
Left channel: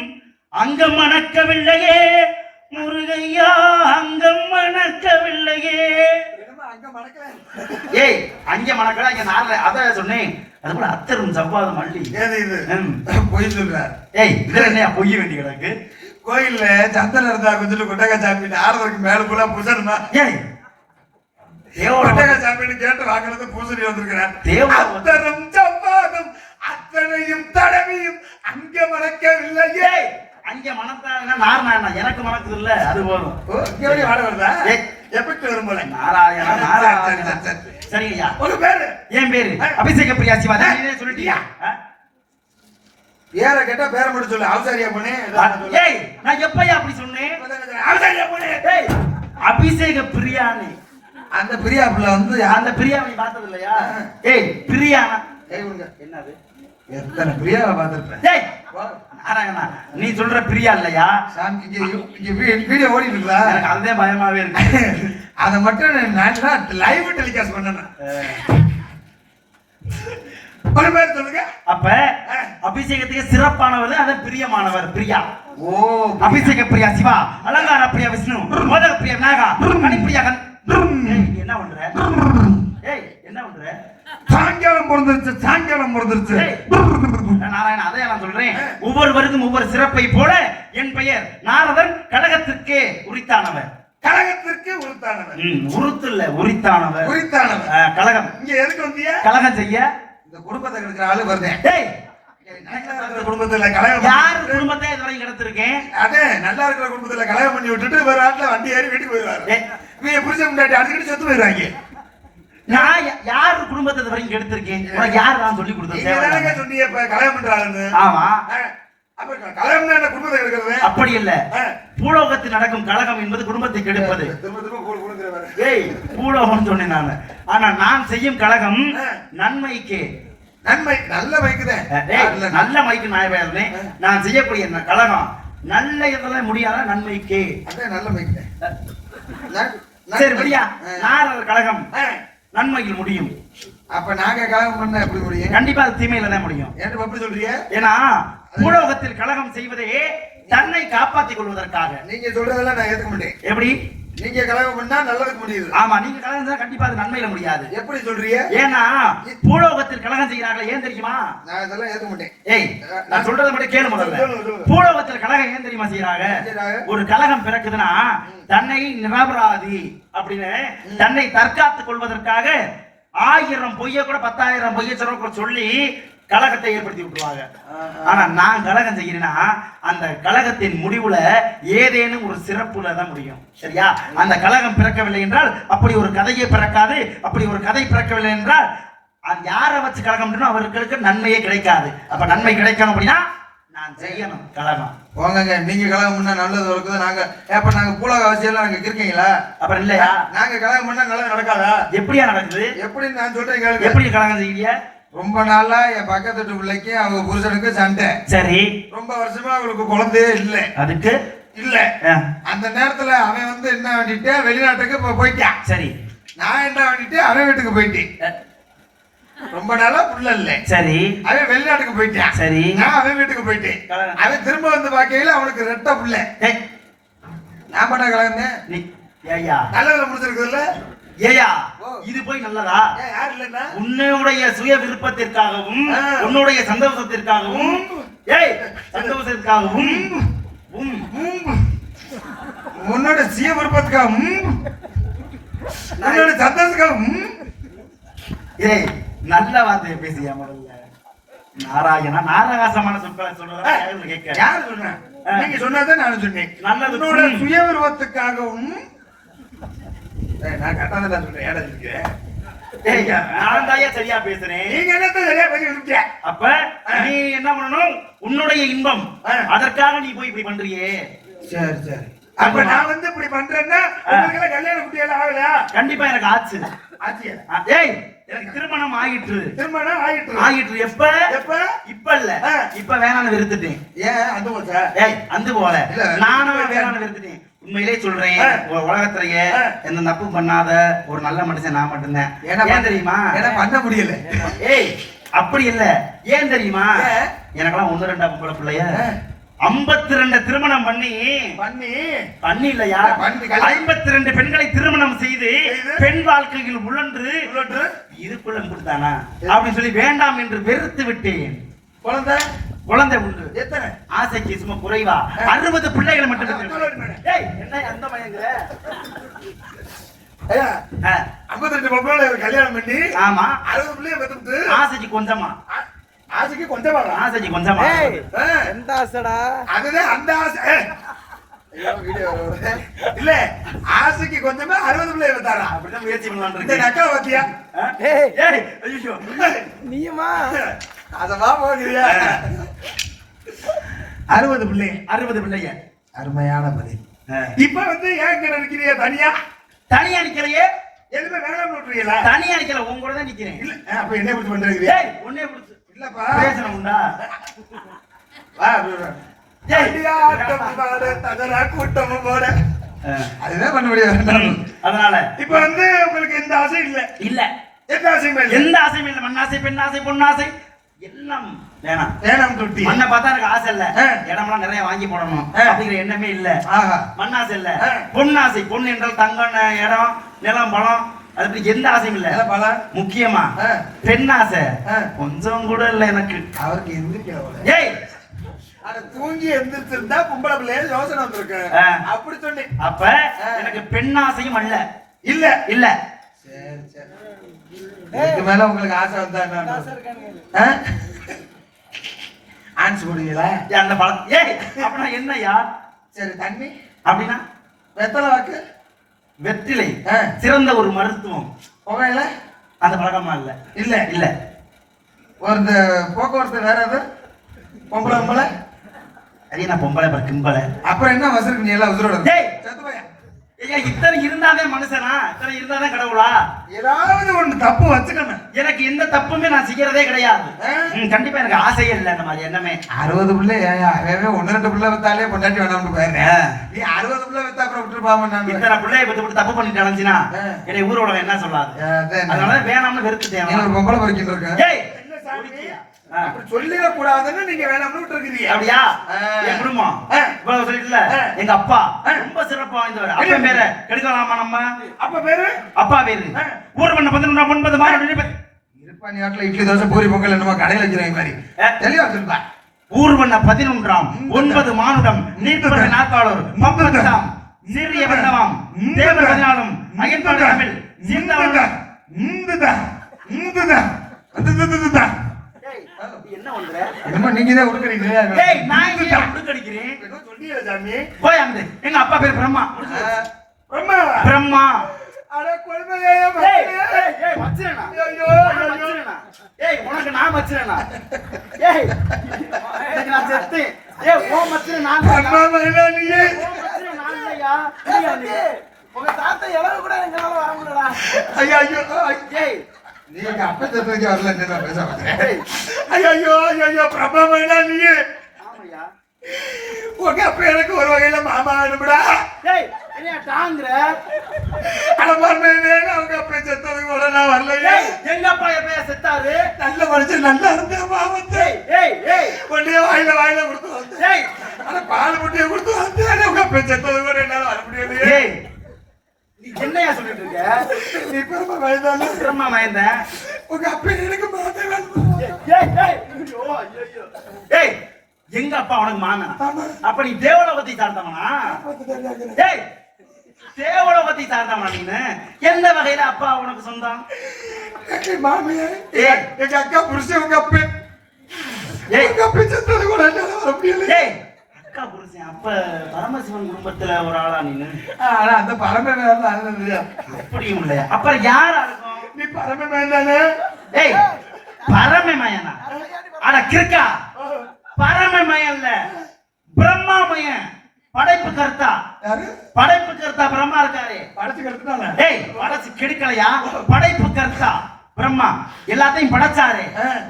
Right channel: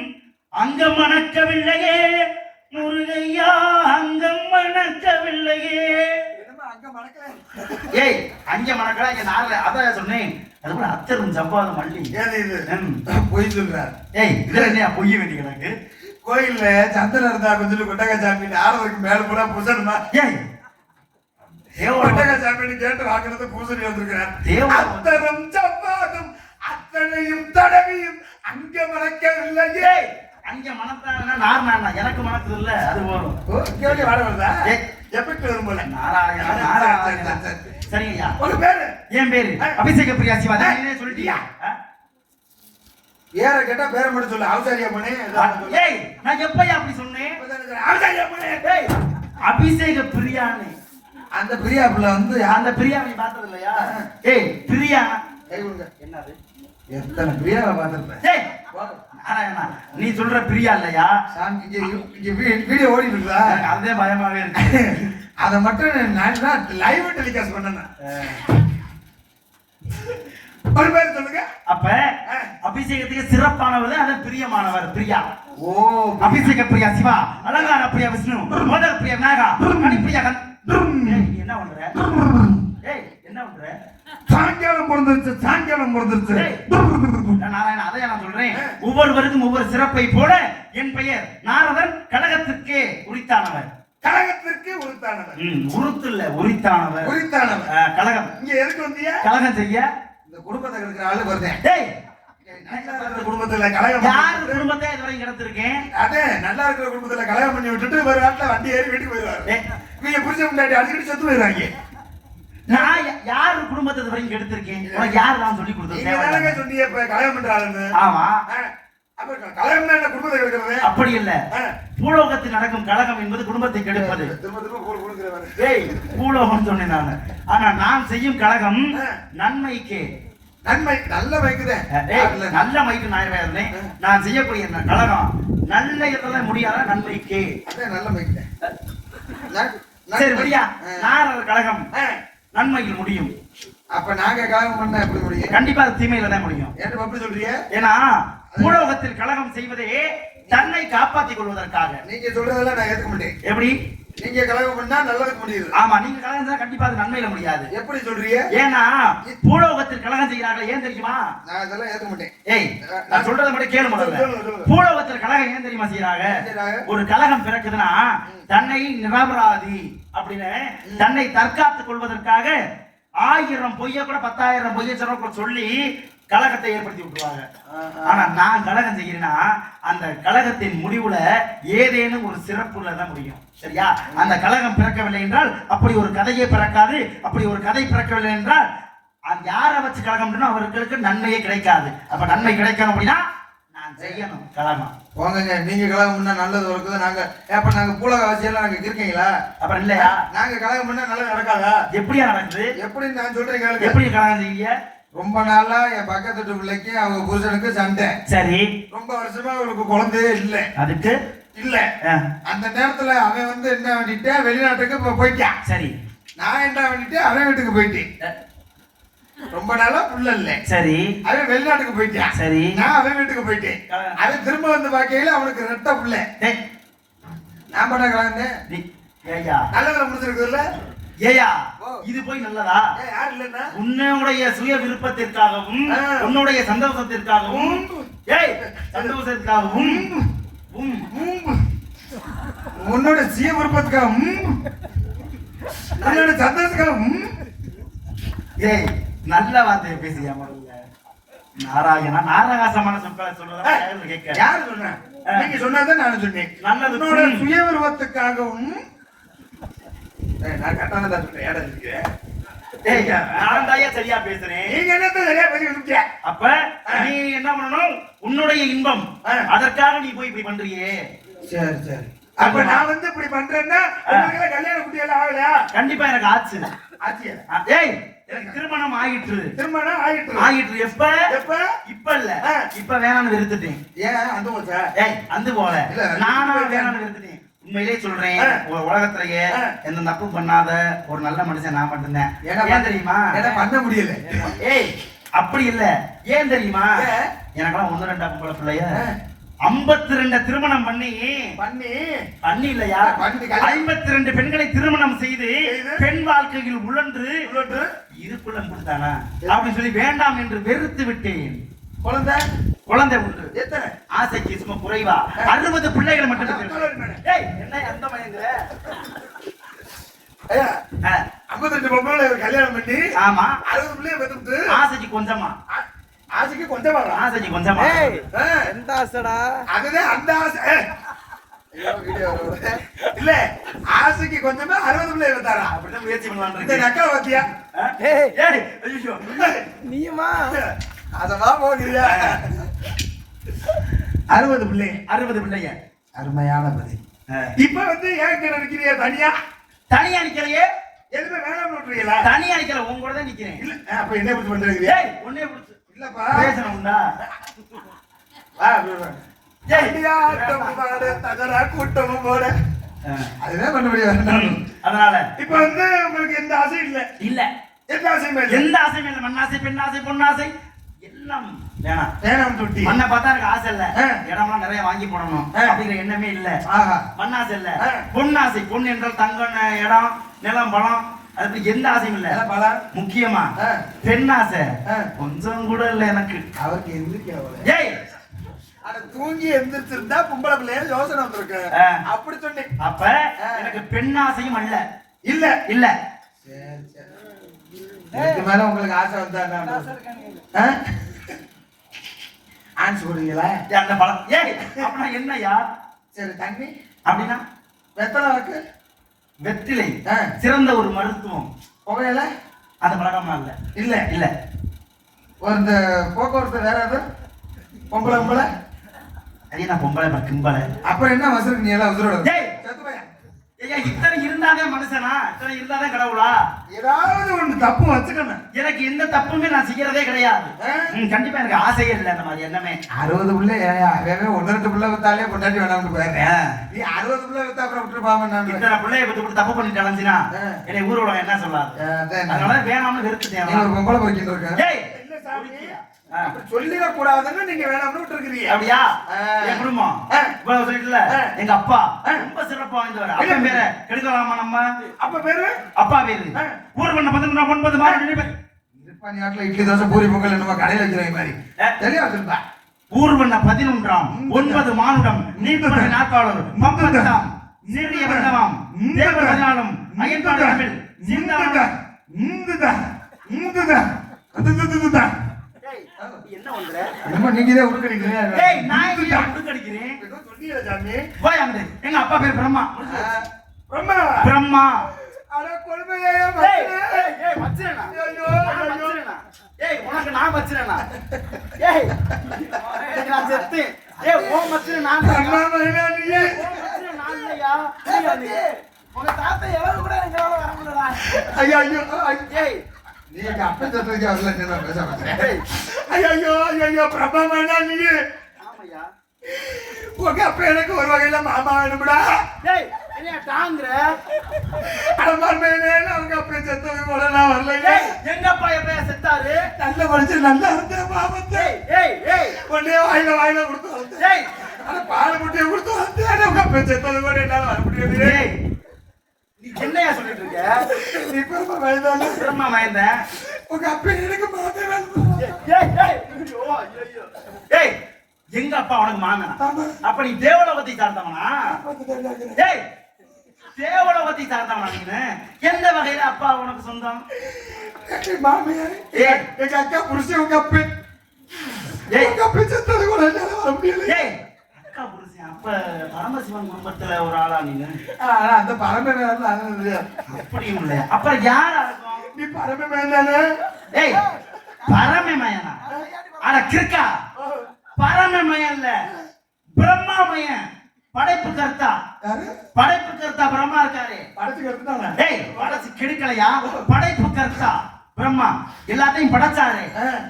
அங்கம் மணக்கவில்லையே முருகையா, அங்கம் மணக்கவில்லையே. ஏய் அங்க மணக்கல, இங்க நாரத அத சொன்னேன். அது கூட அத்தரும் ஜவ்வாதும் மல்லி. ஏது இது பொய் சொல்ற? ஏய் இது என்ன பொய் வேண்டி கிடக்கு? கோயில்ல சந்தனம் இருந்தா கொஞ்சம் கொட்டகா சாமி நாரதருக்கு மேல பூரா பூசணுமா? ஏய் கொட்டகா சாமின்னு கேட்டு வாங்கினது பூசணி வந்திருக்கிறார். அத்தரும் ஜவ்வாதும் அத்தனையும் தடவியும் அங்க மணக்கவில்லையே. அங்க மணத்தாருன்னா நாராயணா, எனக்கு மணக்குது இல்ல, அது போதும். இங்க வாட வருதா? எஃபெக்ட் வரும் போல. நாராயணா நாராயணா. சரிங்கய்யா, ஒரு பேரு. என் பேரு அபிஷேக பிரியா சிவாஜி. நீனே சொல்லிட்டியா? பேர கேட்டா பேர மட்டும் சொல்லு. அவசாரியா போனே. ஏய் நான் எப்பயா அப்படி சொன்னேன்? அவசாரியா போனே. ஏய் அபிஷேக பிரியானே. அந்த பிரியா புள்ள வந்து அந்த பிரியா நீ பார்த்தது இல்லையா? ஏய் பிரியா கை கொடுங்க. என்னது? எத்தனை பிரியாவை பார்த்திருப்பேன். ஏய் நாராயணா, நீ சொல்ற பிரியா இல்லையா? சாமி இங்க வீடியோ ஓடி இருக்குதா? அதே பயமாவே இருக்கு. அதை மட்டும் நான் லைவ் டெலிகாஸ்ட் பண்ணேன். ஒரு பேர் சொல்லுங்க. அப்ப அபிஷேகத்துக்கு சிறப்பானவர் அது பிரியமானவர் பிரியா. ஓ அபிஷேக பிரியா சிவா, அலங்கார பிரியா விஷ்ணு, மோதக பிரியா நாகா, கனிப்பிரியா என்ன பண்ற? ஏய் என்ன பண்ற? சாயங்காலம் பிறந்துருச்சு, சாயங்காலம் பிறந்துருச்சு. நாராயண அதை நான் சொல்றேன். ஒவ்வொருவருக்கும் ஒவ்வொரு சிறப்பை போல என் பெயர் நாரதன் கழகத்திற்கே உரித்தானவர். கழகத்திற்கு உரித்தானவர். உருத்து இல்ல உரித்தானவர். உரித்தானவர். கழகம். இங்க எதுக்கு வந்தியா? கழகம் செய்ய. இந்த குடும்பத்தை கெடுக்கிற ஆளு வருதேன். டேய் குடும்பத்துல கலகம் யாரு குடும்பத்தை இதுவரை கிடத்திருக்கேன்? அதே நல்லா இருக்கிற குடும்பத்துல கலகம் பண்ணி விட்டுட்டு வேற நாட்டுல வண்டி ஏறி வீட்டுக்கு போயிருவாரு. இவங்க புரிஞ்ச முன்னாடி அடிக்கடி செத்து போயிருவாங்க. நான் யாரு குடும்பத்தை இதுவரை கெடுத்திருக்கேன்? யார் நான் சொல்லி கொடுத்தேன்? சொன்னீங்க இப்ப கலகம் பண்றாருன்னு. ஆமா, அப்ப கலகம் என்ன குடும்பத்தை கெடுக்கிறது? அப்படி இல்ல, பூலோகத்தில் நடக்கும் கலகம் என்பது குடும்பத்தை கெடுப்பது. திரும்ப திரும்ப கூடுங்கிறவர். ஏய் பூலோகம் சொன்னேன் நான். ஆனா நான் செய்யும் கலகம் நன்மைக்கு. நன்மை நல்ல மைக்குதேன். நல்ல மைக்கு நாயவே. நான் செய்யக்கூடிய கலகம் நல்ல இதெல்லாம் முடியாத நன்மைக்கு. அதான் நல்ல மைக்கு. சரி முடியா, நாரத கலகம் நன்மையில் முடியும். அப்ப நாங்க கலகம் பண்ண எப்படி முடியும்? கண்டிப்பா அது தீமையில தான் முடியும். ஏன் எப்படி சொல்றீங்க? ஏன்னா பூலோகத்தில் கலகம் செய்வதே தன்னை காப்பாற்றிக் கொள்வதற்காக. நீங்க சொல்றதெல்லாம் நான் ஏத்துக்க மாட்டேன். எப்படி? நீங்க கலகம் பண்ணா நல்லதுக்கு முடியுது. ஆமா, நீங்க கலகம் செஞ்சா கண்டிப்பா அது நன்மையில முடியாது. எப்படி சொல்றீங்க? ஏன்னா பூலோகத்தில் கலகம் செய்யறாங்க, ஏன் தெரியுமா? நான் இதெல்லாம் ஏற்க மாட்டேன். ஏய், நான் சொல்றத மட்டும் கேளு முதல்ல. பூலோகத்தில் கலகம் ஏன் தெரியுமா செய்யறாங்க? ஒரு கலகம் பிறக்குதுன்னா தன்னை நிரபராதி அப்படின்னு தன்னை தற்காத்துக் கொள்வதற்காக 1000 பொய்ய கூட 10,000 பொய்ய கூட சொல்லி கலகத்தை ஏற்படுத்தி விட்டுருவாங்க. ஆனா நான் கலகம் செய்யறேன்னா அந்த கலகத்தின் முடிவுல ஏதேனும் ஒரு சிறப்புல தான் முடியும். சரியா? அந்த கலகம் பிறக்கவில்லை என்றால் அப்படி ஒரு கதையே பிறக்காது. அப்படி ஒரு கதை பிறக்கவில்லை என்றால் யாரை வச்சு கலகம் அவர்களுக்கு நன்மையே கிடைக்காது. அப்ப நன்மை கிடைக்கணும் அப்படின்னா நான் செய்யணும் கலகம். போங்க, நீங்க கலகம் பண்ணா நல்லது இருக்குது. நாங்க அப்ப நாங்க பூலக அவசியம் நாங்க இருக்கீங்களா? அப்புறம் இல்லையா? நாங்க கலகம் பண்ணா நல்லது நடக்காதா? எப்படியா நடக்குது? எப்படின்னு நான் சொல்றேன் கேளுங்க. எப்படி கலகம் செய்ய? ரொம்ப நாளா என் பக்கத்து வீட்டு பிள்ளைக்கு அவங்க புருஷனுக்கு சண்டை. சரி. ரொம்ப வருஷமா அவங்களுக்கு குழந்தையே இல்ல. அதுக்கு இல்ல. அந்த நேரத்துல அவன் வந்து என்ன வேண்டிட்டு வெளிநாட்டுக்கு போயிட்டான். சரி. நான் என்ன வேண்டிட்டு அவன் வீட்டுக்கு போயிட்டேன். ரொம்ப நாளா புள்ள இல்ல. சரி. அவன் வெளிநாட்டுக்கு போயிட்டான். சரி. நான் அவன் வீட்டுக்கு போயிட்டேன். அவன் திரும்ப வந்து பாக்கையில அவனுக்கு ரெட்ட புள்ள. நான் பண்ண கலந்தேன். ஏயா நல்லதுல முடிஞ்சிருக்குதுல்ல? ஏயா இது போய் நல்லதா? யார் இல்லன்னா உன்னுடைய சுய விருப்பத்திற்காகவும் உன்னுடைய சந்தோஷத்திற்காகவும் சந்தோஷத்திற்காகவும் உன்னோட சுய விருப்பத்துக்காகவும் உன்னோட சந்தோஷத்துக்காகவும் ஏய் நல்ல வார்த்தையை பேசியா முதல்ல. நாராயணா நாராகாசமான சொற்களை சொல்றதா கேட்க யாரு சொன்ன? நீங்க சொன்னதான் நான் சொன்னேன். நல்லது. உன்னோட சுய விருப்பத்துக்காகவும் நான் கட்டாத சொல்றேன். நான் தாயா சரியா பேசுறேன். நீங்க என்னத்த சரியா பேசிட்டு? அப்ப நீ என்ன பண்ணணும்? உன்னுடைய இன்பம் அதற்காக நீ போய் இப்படி பண்றியே. சரி சரி. அப்ப நான் வந்து இப்படி பண்றேன்னா உங்களுக்கு கல்யாணம் குட்டியெல்லாம் ஆகலையா? கண்டிப்பா எனக்கு ஆச்சு. ஆச்சியா? ஏய் எனக்கு திருமணம் ஆயிற்று. திருமணம் ஆயிற்று. ஆயிற்று. எப்ப? எப்ப? இப்ப இல்ல. இப்ப வேணாம்னு வெறுத்துட்டேன். ஏன் அந்த போச்சா? ஏய் அந்த போல. நானும் வேணாம்னு வெறுத்துட்டேன். உண்மையிலே சொல்றேன், உலகத்திலேயே எந்த தப்பு பண்ணாத ஒரு நல்ல மனுஷன் நான் மட்டும்தான். ஏன் தெரியுமா? பண்ண முடியல. ஏய் அப்படி இல்ல. ஏன் தெரியுமா? எனக்கெல்லாம் 1-2 பொம்பளை பிள்ளைய 52 திருமணம் பண்ணி இல்லையா 52 பெண்களை திருமணம் செய்து பெண் வாழ்க்கையில் உழன்று இதுக்குள்ள கொடுத்தானா அப்படின்னு சொல்லி வேண்டாம் என்று வெறுத்து விட்டேன். குழந்தை உண்டு. எத்தனை? ஆசைக்கு சும்மா குறைவா 60 பிள்ளைகள் மட்டும். என்ன அந்த மயங்க 52 பொம்பளை கல்யாணம் பண்ணி ஆமா 60 பிள்ளைய பெத்துட்டு ஆசைக்கு கொஞ்சமா ஆசைக்கு கொஞ்சமா ஆசைக்கு கொஞ்சமா எந்த ஆசைடா? அதுதான் அந்த ஆசை இல்ல. ஆசைக்கு கொஞ்சமா 60 பிள்ளைய பெத்தாரா? அப்படிதான் முயற்சி பண்ணலாம். இந்த நக்கா பாத்தியா? நீயுமா அதவா போகிறியா? 60 பிள்ளைங்க. அருமையான பதில். இப்ப வந்து ஏன் கிட்ட நிக்கிறியா? தனியா நிக்கிறையே. எதுக்கு வேணாம் விட்டுறீங்களா? தனியா நிக்கிற உங்களோட தான் நிக்கிறேன். இல்ல அப்ப என்ன இப்படி பண்றீங்க? ஒண்ணே பிடிச்சு இல்லப்பா பேசணும்டா. வா கூட்டமும் போட அதுதான் பண்ண முடியாது. அதனால இப்ப வந்து உங்களுக்கு எந்த ஆசையும் இல்ல. எந்த ஆசையுமே இல்ல. எந்த ஆசையுமே இல்ல. மண்ணாசை, பெண்ணாசை, பொண்ணாசை எல்லாம் வேணாம். தொட்டி மண்ணை பார்த்தா எனக்கு ஆசை இல்ல. இடமெல்லாம் நிறைய வாங்கி போடணும் அப்படிங்கிற எண்ணமே இல்ல. மண்ணாசை இல்ல. பொண்ணாசை. பொண்ணு என்றால் தங்கம், இடம், நிலம், பலம், அது எந்த ஆசையும் இல்ல. முக்கியமா பெண்ணாசை கொஞ்சம் கூட இல்ல எனக்கு. அவருக்கு எந்திரிக்கல. ஏய் தூங்கி எந்திரிச்சிருந்தா பொம்பளை பிள்ளைய யோசனை வந்திருக்கு. அப்படி சொன்னேன். அப்ப எனக்கு பெண்ணாசையும் அல்ல. இல்ல. சரி சரி. இதுக்கு மேல உங்களுக்கு ஆசை வந்தா ஆன்ஸ் போடுவீங்களா? அந்த பழம். ஏய் அப்படின்னா என்னையா? சரி தண்ணி அப்படின்னா வெத்தலை வாக்கு வெற்றிலை சிறந்த ஒரு மருத்துவம். புகையில அந்த பழக்கமா இல்ல. ஒரு போக்குவரத்து வேற எது? பொம்பளை அது நான் பொம்பளை கிம்பளை. அப்புறம் என்ன வசருக்கு நீ எல்லாம் உசுரோட? இத்தனை இருந்தாதே மனுஷனா? இத்தனை இருந்தாதே கடவுளா? ஏதாவது ஒண்ணு தப்பு வச்சுக்கணும். எனக்கு எந்த தப்புமே நான் செய்யறதே கிடையாது. கண்டிப்பா எனக்கு ஆசையே இல்லை. இந்த மாதிரி எண்ணமே 60 பிள்ளை 1-2 பிள்ளை வித்தாலே பொண்டாட்டி வேணாம்னு போயிருந்தேன். நீ 60 பிள்ளை வித்தா அப்புறம் விட்டு பாவம். இத்தனை பிள்ளைய விட்டு தப்பு பண்ணிட்டு அலைஞ்சினா என்னை ஊரோட என்ன சொல்லாது. அதனால வேணாம்னு வெறுத்துட்டேன். பொம்பளை பறிக்கிட்டு இருக்கேன். அப்படி சொல்லிட கூடாதுன்னு நீங்க வேணாம்னு விட்டு இருக்கிறீங்க. சொல்லிட்டியே. அப்படியா? ஆ. என் குடும்பம் இவ்வளவு சொல்லிட்டுல, எங்க அப்பா ரொம்ப சிறப்பா வாய்ந்தவர். அப்பா பேரை கெடுக்கலாமா நம்ம? அப்ப பேரு அப்பா பேரு ஊர் பண்ண 11 மாதம் இருப்பா நேரத்துல இட்லி தோசை பூரி பொங்கல் என்னமோ கடையில வைக்கிற மாதிரி தெளிவா சொல்லுப்பா. ஊர்வன 11 9 மானுடம் நீர்பட நாட்காளர் மப்பதாம் சீரிய வண்ணமாம் தேவ பதினாலும் அயன்பாடு தமிழ் இந்துதா இந்துதா இந்துதா அதுதுதுதா. என்ன பண்ற? என்னமோ நீங்க தான் உடுக்கறீங்களா? டேய் நான் இங்க உடுக்கடிக்கிறேன். ஏதோ சொல்லியா சாமி? போய் அங்க. எங்க அப்பா பேர் பிரம்மா. பிரம்மா. பிரம்மா. அட கொள்மையா ஏய் ஏய் ஏய் மச்சரனா. ஐயோ மச்சரனா. ஏய் உனக்கு நான் மச்சரனா. ஏய் எனக்கு நான் செத்து. ஏய் ஓ மச்சரனா நான் தான். அம்மா வேணா நீ. ஓ மச்சரனா நான் இல்லையா? இல்லையா நீ? உங்க தாத்தா எவ்வளவு கூட எங்களால வர முடியலடா. ஐயோ ஐயோ ஏய் நீ அப்ப தத்துக்கு வரல என்ன பேச மாட்டே. ஐயோ ஐயோ பிரம்மா வேணா நீ. ஆமாயா. உங்க அப்ப எனக்கு ஒரு வகையில மாமா வேணும்டா. ஏய் என்னைய டாங்கற? அட மர்மே அவங்க அப்ப செத்தது கூட நான் வரல. ஏய் எங்க அப்பா எப்ப செத்தாரு? நல்ல மனுஷன் நல்லா இருந்த மாமத்தே. ஏய் ஏய் ஒண்ணே வாயில கொடுத்து வந்து. ஏய் அட பால் முட்டைய கொடுத்து வந்து அவங்க அப்ப செத்தது கூட என்னால வர முடியாது. ஏய் நீ என்னையா சொல்லிட்டு இருக்க? நீ பிரம்மா வேண்டால. பிரம்மா மயந்தேன். உங்க அப்ப எனக்கு மாமா வேணும். ஏய் ஏய் ஐயோ ஐயோ. ஏய் எங்க அப்பா உனக்கு மாமனா? அப்ப நீ தேவலோகத்தை சார்ந்தவனா? ஏய் தேவலோகத்தை சார்ந்தவனா நீ? எந்த வகையில அப்பா உனக்கு சொந்தம்? மாமியார் ஏய் எங்க அக்கா புருஷன் உங்க அப்ப. ஏய் உங்க அப்ப செத்தது கூட என்னால வர முடியல. ஏய் அக்கா புருஷன் அப்ப பரமசிவன் குடும்பத்துல ஒரு ஆளா நீ? ஆனா அந்த பரமே வேண்டாம். அப்படியும் இல்லையா? அப்ப யாரா இருக்கும்? நீ பரமே வேண்டானே. ஏய் பரமமயனா? அட கிறுக்கா. பரமமயன் இல்ல பிரம்மாமயன். படைப்பு கர்த்தா. யாரு? படைப்பு கர்த்தா பிரம்மா இருக்காரு. படைச்சு கட்டுனானே. ஏய் படைச்சு கெடுக்கலையா? படைப்பு கர்த்தா பிரம்மா எல்லாத்தையும் படைச்சாரு.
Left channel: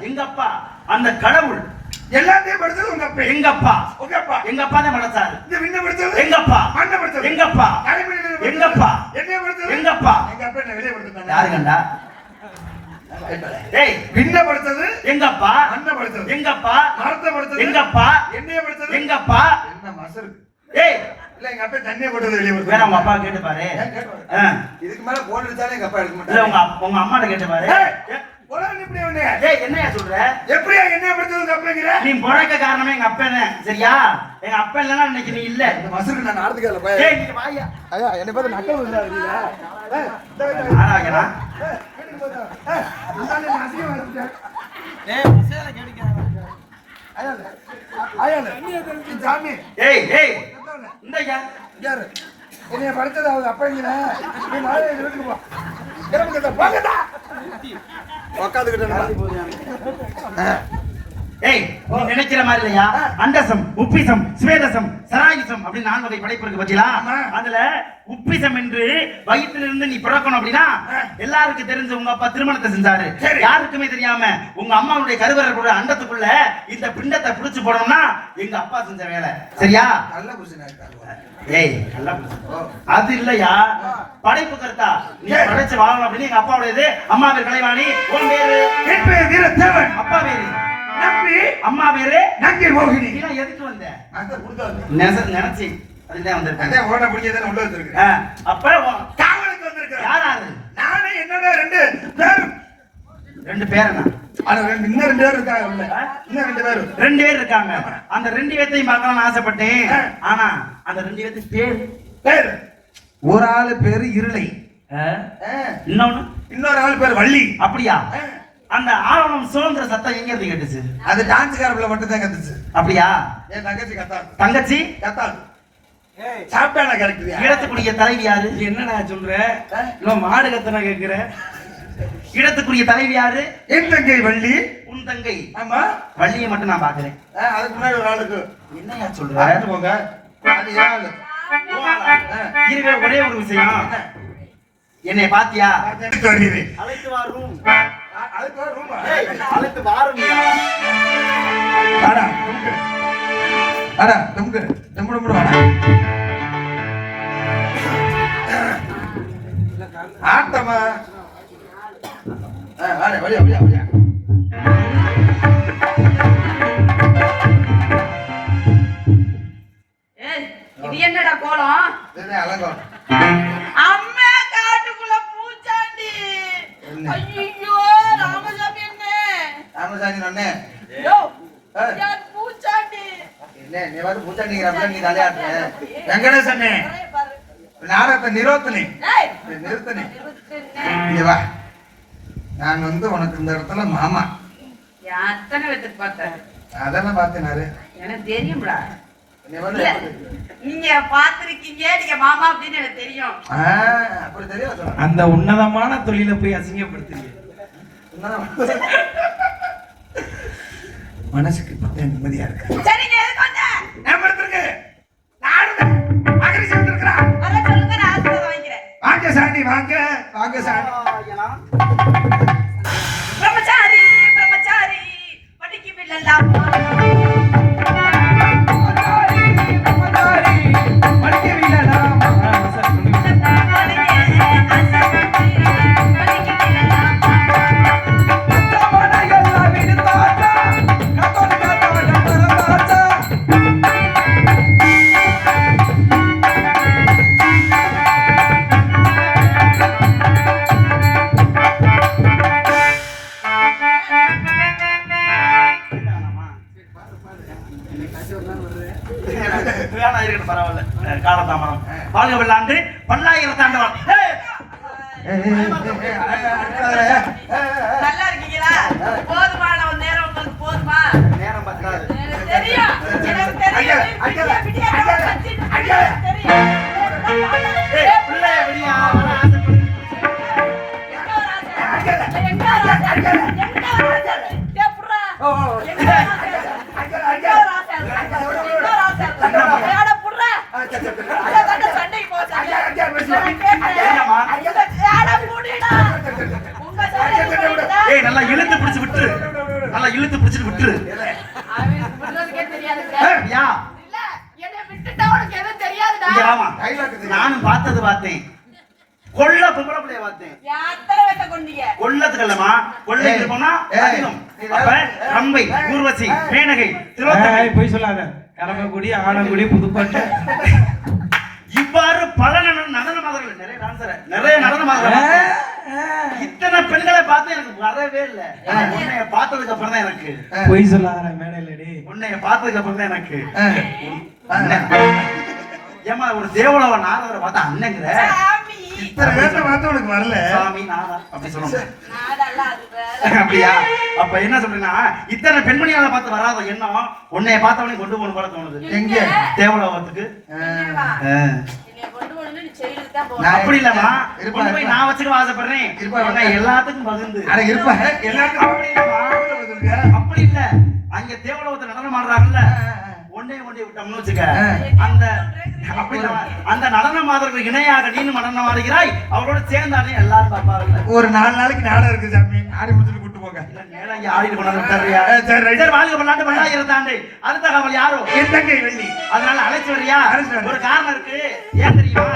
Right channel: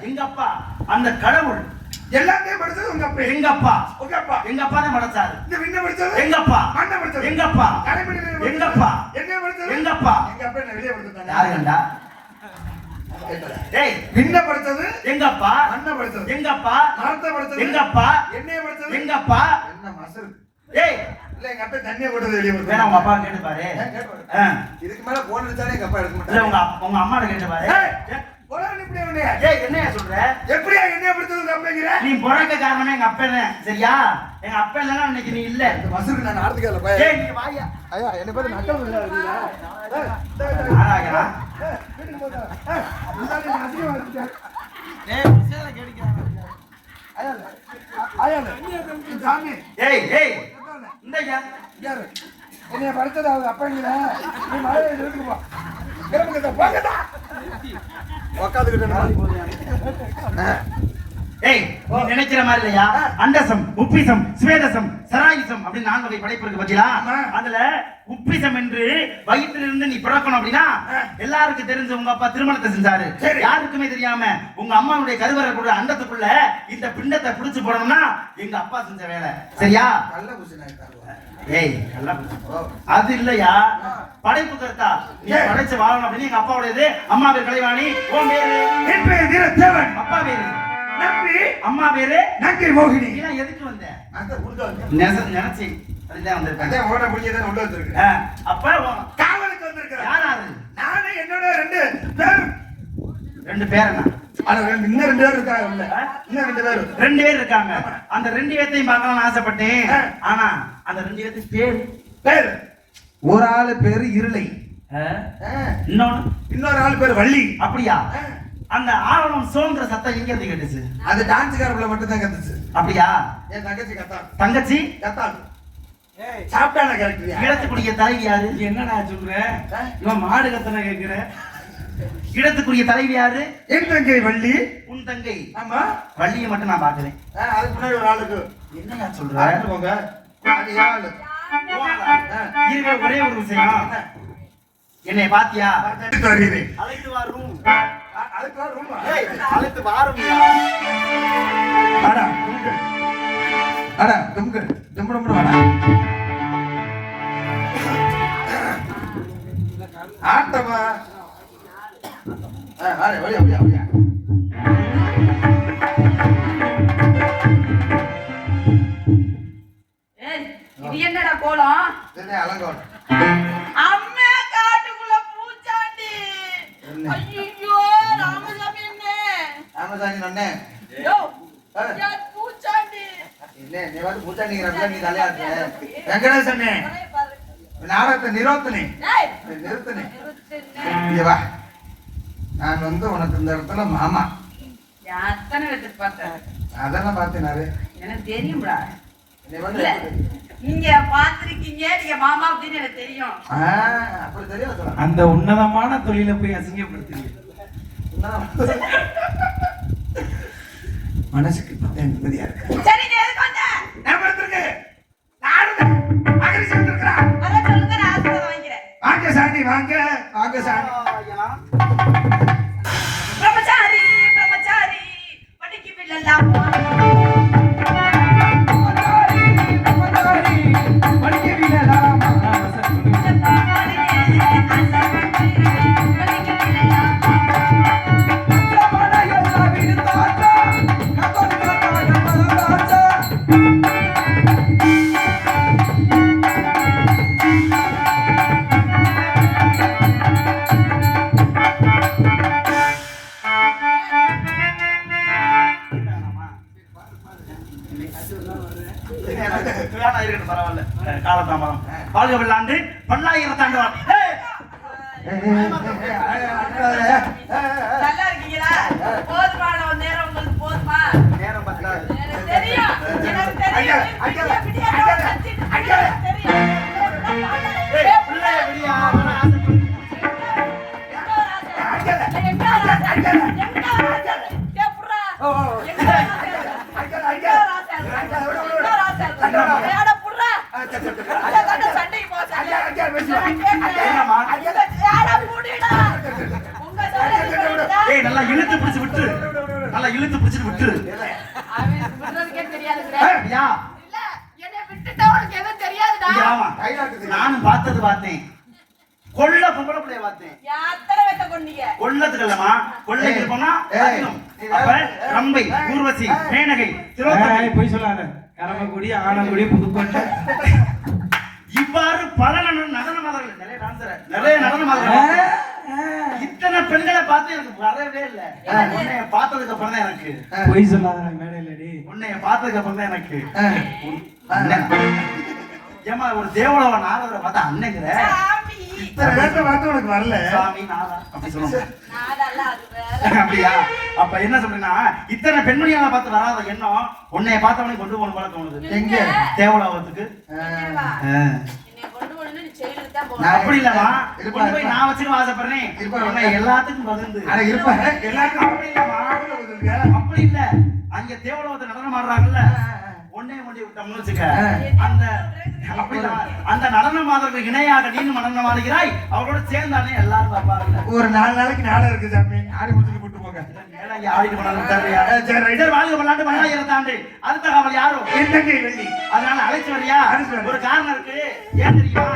எங்க அப்பா அந்த கடவுள் எல்லாத்தையும் படைச்சது உங்க அப்பா. எங்க அப்பா உங்க அப்பா. எங்க அப்பா தான் படைச்சாரு. இந்த விண்ண படைச்சது எங்க அப்பா. மண்ண படைச்சது எங்க அப்பா. எங்க அப்பா. என்ன படைச்சது எங்க அப்பா. எங்க அப்பா என்ன வெளிய படைச்சாங்க. யாரு கண்டா? ஏய் விண்ண படைச்சது எங்க அப்பா. மண்ண படைச்சது எங்க அப்பா. மரத்தை படைச்சது எங்க அப்பா. என்னைய படைச்சது எங்க அப்பா. என்ன மசரு. ஏய் இல்ல எங்க அப்பா தண்ணிய போட்டது வெளிய வேற படைச்சது. உங்க அப்பா கேட்டு பாரு. இதுக்கு மேல போன் அடிச்சாலே எங்க அப்பா எடுக்க இல்ல மாட்டாரு. உங்க அம்மாட்ட கேட்டு பாரு. போடா இப்படி வந்தே. ஏய் என்னையா சொல்ற? எப்படியா என்னைய படைச்சது உங்க அப்பங்கிற? நீ பிறக்க காரணமே எங்க அப்பா தான். சரியா? எங்க அப்பா இல்லனா இன்னைக்கு நீ இல்ல. மசரு நான் நாடத்துக்கு போய். ஏய் நீ வாயா. ஐயா என்ன பேரு நக்கல் இல்ல வரீங்க. ஆராகனா. சாமி ஏய் ஏய் இந்தயா யாரு என்னைய படிச்சது அவங்க அப்பங்கிற. நீ மழை வீட்டுக்கு போ. கிளம்புங்க போங்கடா. ஏய் நீ நினைக்கிற மாதிரி இல்லையா? அண்டசம் உப்பிசம் ஸ்வேதசம் சராயுசம் அப்படி 4 வகை படைப்பு இருக்கு பத்தியா? அதுல உப்பிசம் என்று வயிற்றிலிருந்து நீ பிறக்கணும் அப்படின்னா எல்லாருக்கும் தெரிஞ்ச உங்க அப்பா திருமணத்தை செஞ்சாரு. யாருக்குமே தெரியாம உங்க அம்மாவுடைய கருவறைக்குள்ள அண்டத்துக்குள்ள இந்த பிண்டத்தை பிடிச்சு போடணும்னா எங்க அப்பா செஞ்ச வேலை. சரியா? நல்ல புருஷனா ஏய் நல்லா அது இல்லையா? படைப்பு கர்த்தா நீ படைச்சு வாழணும் அப்படின்னு எங்க அப்பாவுடையது. அம்மா பேர் கலைவாணி. உன் பேரு? என் பேர் வீரத்தேவன். அப்பா பேரு நம்பி. அம்மா பேரு நங்கை மோகினி. நீ எதுக்கு வந்த? அந்த உள்ள வந்து நினைச்சி அதுதான் வந்திருக்கேன். அதே ஓட புடிச்சத உள்ள வந்திருக்கேன். அப்ப காவலுக்கு வந்திருக்கேன். யாராரு? நானே என்னோட 2 பேர். 2 பேரனா? அது இன்னும் 2 பேர் இருக்காங்க உள்ள. இன்னும் 2 பேர். 2 பேர் இருக்காங்க. அந்த 2 பேத்தையும் பார்க்கணும்னு ஆசைப்பட்டேன். ஆனா அந்த 2 பேத்துக்கு பேர் ஒரு ஆளு பேரு இருளை. இன்னொரு ஆள் பேர் வள்ளி. அப்படியா? அந்த ஆவணம் சோன்ற சத்தம் எங்க இருந்து கேட்டுச்சு? அது டான்ஸ்காரப்ல மட்டும் தான் கத்துச்சு. அப்படியா? என் தங்கச்சி கத்தாள். தங்கச்சி கத்தாள். சாப்பிட்டானா கரெக்டியா? இடத்துக்குரிய தலைவி யாரு? என்னடா சொல்ற? இன்னும் மாடு கத்தனா கேக்குற? இடத்துக்குரிய தலைவி யாரு? என் தங்கை வள்ளி. உன் தங்கை. ஆமா. வள்ளியை மட்டும் நான் பாக்குறேன். அதுக்கு முன்னாடி ஒரு ஆளுக்கு என்னையா சொல்ற? பார்த்து போங்க. அது ஆளு. இருக்கிற ஒரே ஒரு விஷயம், என்னை பாத்தியா? அழைத்து வா ரூம். அழைத்து வா ரூம். அழைத்து வாருமியா? அடா தும்கு. அடா தும்கு. தும்கு தும்கு வாடா. ஆட்டமா. வாடா வரியா வரியா வரியா. கோலம் இதுதான் அலங்கோலம். அம்மா காட்டுக்குள்ள பூச்சாண்டி ஐயோ ராமசாமி என்ன ராமசாமி அண்ணே யோ யார் பூச்சாண்டி இல்ல நீ வந்து பூச்சாண்டிங்கிறப்ப நீ தலையாட்டு வெங்கடேஷ் அண்ணே பாரு நாடகத்தை நிறுத்தனே ஏய் நிறுத்தனே நிறுத்துனே இங்க வா. நான் வந்து உனக்கு இந்த இடத்துல மாமா எத்தனை பேத்துக்கு பார்த்தேன் அதெல்லாம் பார்த்தேனாரு எனக்கு தெரியும்டா நீ வந்து இல்ல, நீங்க பாத்திருக்கீங்க நீங்க மாமா அப்படின்னு எனக்கு தெரியும் அப்படி தெரியல சொல்ல அந்த உன்னதமான தொழிலை போய் அசிங்கப்படுத்துறீங்க. மனசுக்கு பார்த்தேன் நிம்மதியா இருக்கு. சரி நீ எதுக்கு வந்த நான் பார்த்திருக்கு. நானும் மகிழ்ச்சி வந்திருக்கிறேன். அத சொல்லுங்க நான் ஆசீர்வாதம் வாங்கிக்கிறேன் வாங்க சாண்டி வாங்க வாங்க சாண்டி. பிரம்மச்சாரி பிரம்மச்சாரி படிக்கு பிள்ளலாம் வேணா இருக்கட்டும் பரவாயில்ல. காலதாமதம் வாழ்க வெள்ளாண்டு பல்லாயிரத்தாண்டவன். நல்லா இருக்கீங்களா போதுமான ஒரு நேரம் உங்களுக்கு போதுமா நேரம் பத்தாது. எனக்கு தெரியும் எனக்கு தெரியும் விடிய கத்திட்டு எனக்கு தெரியும் ஏய், பிள்ளைய விடியா, அவன ஆசைப்படு. ஏய், நல்லா இழுத்து பிடிச்சு விட்டு, நல்லா இழுத்து பிடிச்சு விட்டு. ஏய், யா, இங்க வாமா. நானும் பார்த்தேன். கொல்ல பொம்பளை பிள்ளைய பார்த்தேன். கொல்லத்துக்கு இல்லம்மா, கொள்ளைக்கு போனா அதிகம். அப்ப ரம்பை, ஊர்வசி, மேனகை, திலோத்தமை, போய் சொல்லாத. கரமக்குடி, ஆனங்குடி, புதுப்பட்டு இவ்வாறு பல நடன மாதர்கள், நிறைய நடன மாதர்கள். இத்தனை பெண்களை பார்த்து எனக்கு வரவே இல்லை. உன்னைய பார்த்ததுக்கு அப்புறம் தான் எனக்கு போய் சொல்லாத மேடையிலடி. உன்னைய பார்த்ததுக்கு அப்புறம் தான் எனக்கு ஏமா ஒரு தேவலோக நாரதரை பார்த்தா அண்ணங்கிற இத்தனை பேர்த்த பார்த்து உனக்கு வரல. சாமி நாரதர் அப்படி சொல்லுவாங்க. அப்படியா? அப்ப என்ன சொல்றேன்னா, இத்தனை பெண்மணியால பார்த்து வராத எண்ணம் உன்னைய பார்த்தவனே கொண்டு போகணும் போல தோணுது. எங்க தேவலோகத்துக்கு. அப்படி இல்லம்மா, கொண்டு போய் நான் வச்சுக்க ஆசைப்படுறேன். உன்னை எல்லாத்துக்கும் பகிர்ந்து இருப்பேன் எல்லாருக்கும் அப்படி இல்லம்மா, அப்படி இல்ல. அங்க தேவலோகத்தை நடனம் ஆடுறாங்கல்ல, ஒன்னே ஒண்டி விட்டோம்னு வச்சுக்க, அந்த அப்படி இல்ல, அந்த நடன மாதருக்கு இணையாக நீனும் நடனம் ஆடுகிறாய். அவரோட சேர்ந்தானே எல்லாரும் பாப்பாங்கல்ல. ஒரு 4 நாளைக்கு நாடகம் இருக்கு சாமி. ஆடி முடிச்சுட்டு கூட்டு போங்க. ஆடிட்டு போனாலும் தருவியா? சரி, வாழ்க பல்லாண்டு பல்லாயிரத்தாண்டு. அடுத்த காவல் யாரோ இருந்தங்கை வெள்ளி. அதனால அழைச்சு வரியா? அழைச்சு வரேன். ஒரு காரணம் இருக்கு. ஏன் தெரியுமா?